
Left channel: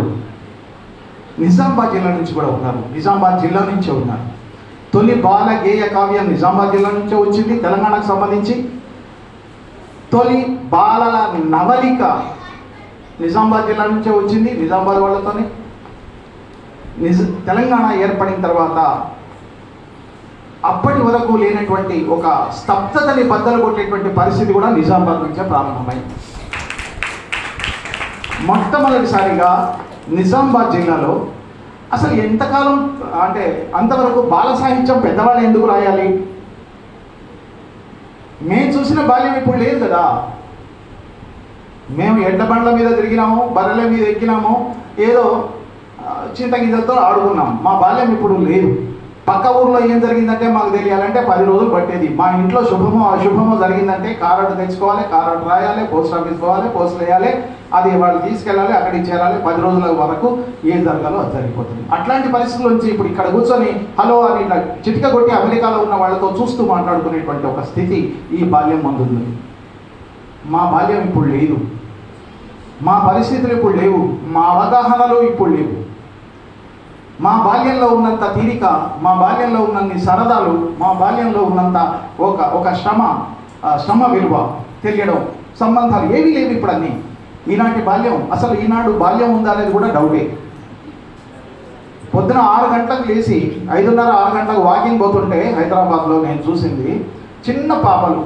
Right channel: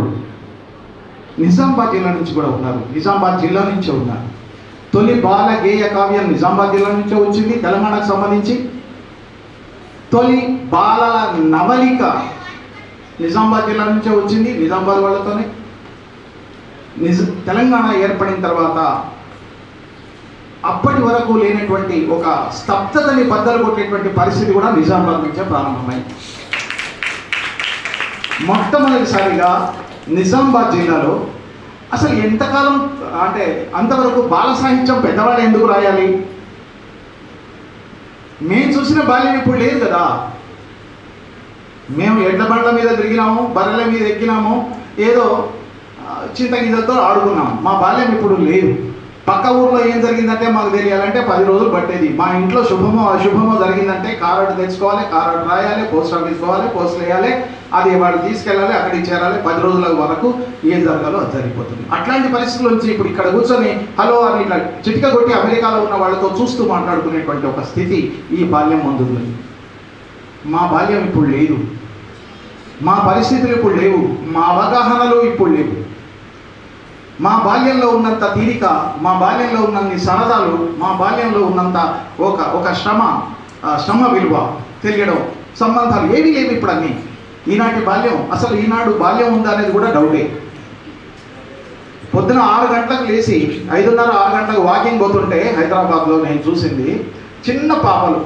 నిజామాబాద్ జిల్లా నుంచి కూడా ఉన్నారు. నిజామాబాద్ జిల్లా నుంచే ఉన్నారు. తొలి బాల గేయ కావ్యం నిజామాబాద్ జిల్లా నుంచే వచ్చింది తెలంగాణకు సంబంధించి. తొలి బాల నవలిక నిజామాబాద్ జిల్లా నుంచే వచ్చింది, నిజామాబాద్ వాళ్ళతోనే. తెలంగాణ ఏర్పడిన తర్వాత అప్పటి వరకు లేనటువంటి ఒక స్తబ్దతని బద్దలు కొట్టేటువంటి పరిస్థితి కూడా నిజామాబాద్ నుంచే ప్రారంభమైంది. మొట్టమొదటిసారిగా నిజామాబాద్ జిల్లాలో అసలు ఎంతకాలం అంటే అంతవరకు బాల సాహిత్యం పెద్దవాళ్ళు ఎందుకు రాయాలి? మేము చూసిన బాల్యం ఇప్పుడు లేదు కదా. మేము ఎడ్ల బండ్ల మీద తిరిగినాము, బర్రెల మీద ఎక్కినాము, ఏదో చింతగిద్దతో ఆడుకున్నాం. మా బాల్యం ఇప్పుడు లేదు. పక్క ఊర్లో ఏం జరిగిందంటే మాకు తెలియాలంటే 10 రోజులు పట్టేది. మా ఇంట్లో శుభమో అశుభమో జరిగిందంటే కారట్ తెచ్చుకోవాలి, కారట్ రాయాలి, పోస్ట్ ఆఫీస్ పోవాలి, పోస్టులు వేయాలి, అది వాళ్ళు తీసుకెళ్ళాలి, అక్కడికి చేరాలి. 10 రోజుల వరకు ఏం జరగాలో అది జరిగిపోతుంది. అట్లాంటి పరిస్థితుల నుంచి ఇప్పుడు ఇక్కడ కూర్చొని హలో అని ఇట్లా చిటిక కొట్టి అమెరికాలో ఉన్న వాళ్ళతో చూస్తూ మాట్లాడుకునేటువంటి ఒక స్థితి ఈ బాల్యం ముందుంది. మా బాల్యం ఇప్పుడు లేదు. మా పరిస్థితులు ఇప్పుడు లేవు. మా అవగాహనలు ఇప్పుడు లేవు. మా బాల్యంలో ఉన్నంత తీరిక, మా బాల్యంలో ఉన్నన్ని సరదాలు, మా బాల్యంలో ఉన్నంత ఒక శ్రమ విలువ తెలియడం, సంబంధాలు ఏవి లేవు ఇప్పుడు అన్నీ. ఈనాటి బాల్యం అసలు ఈనాడు బాల్యం ఉందా అనేది కూడా డౌటే. పొద్దున 6 గంటలకు లేచి 5:30, 6 గంటలకు వాకింగ్ పోతుంటే హైదరాబాద్లో నేను చూసింది చిన్న పాపలు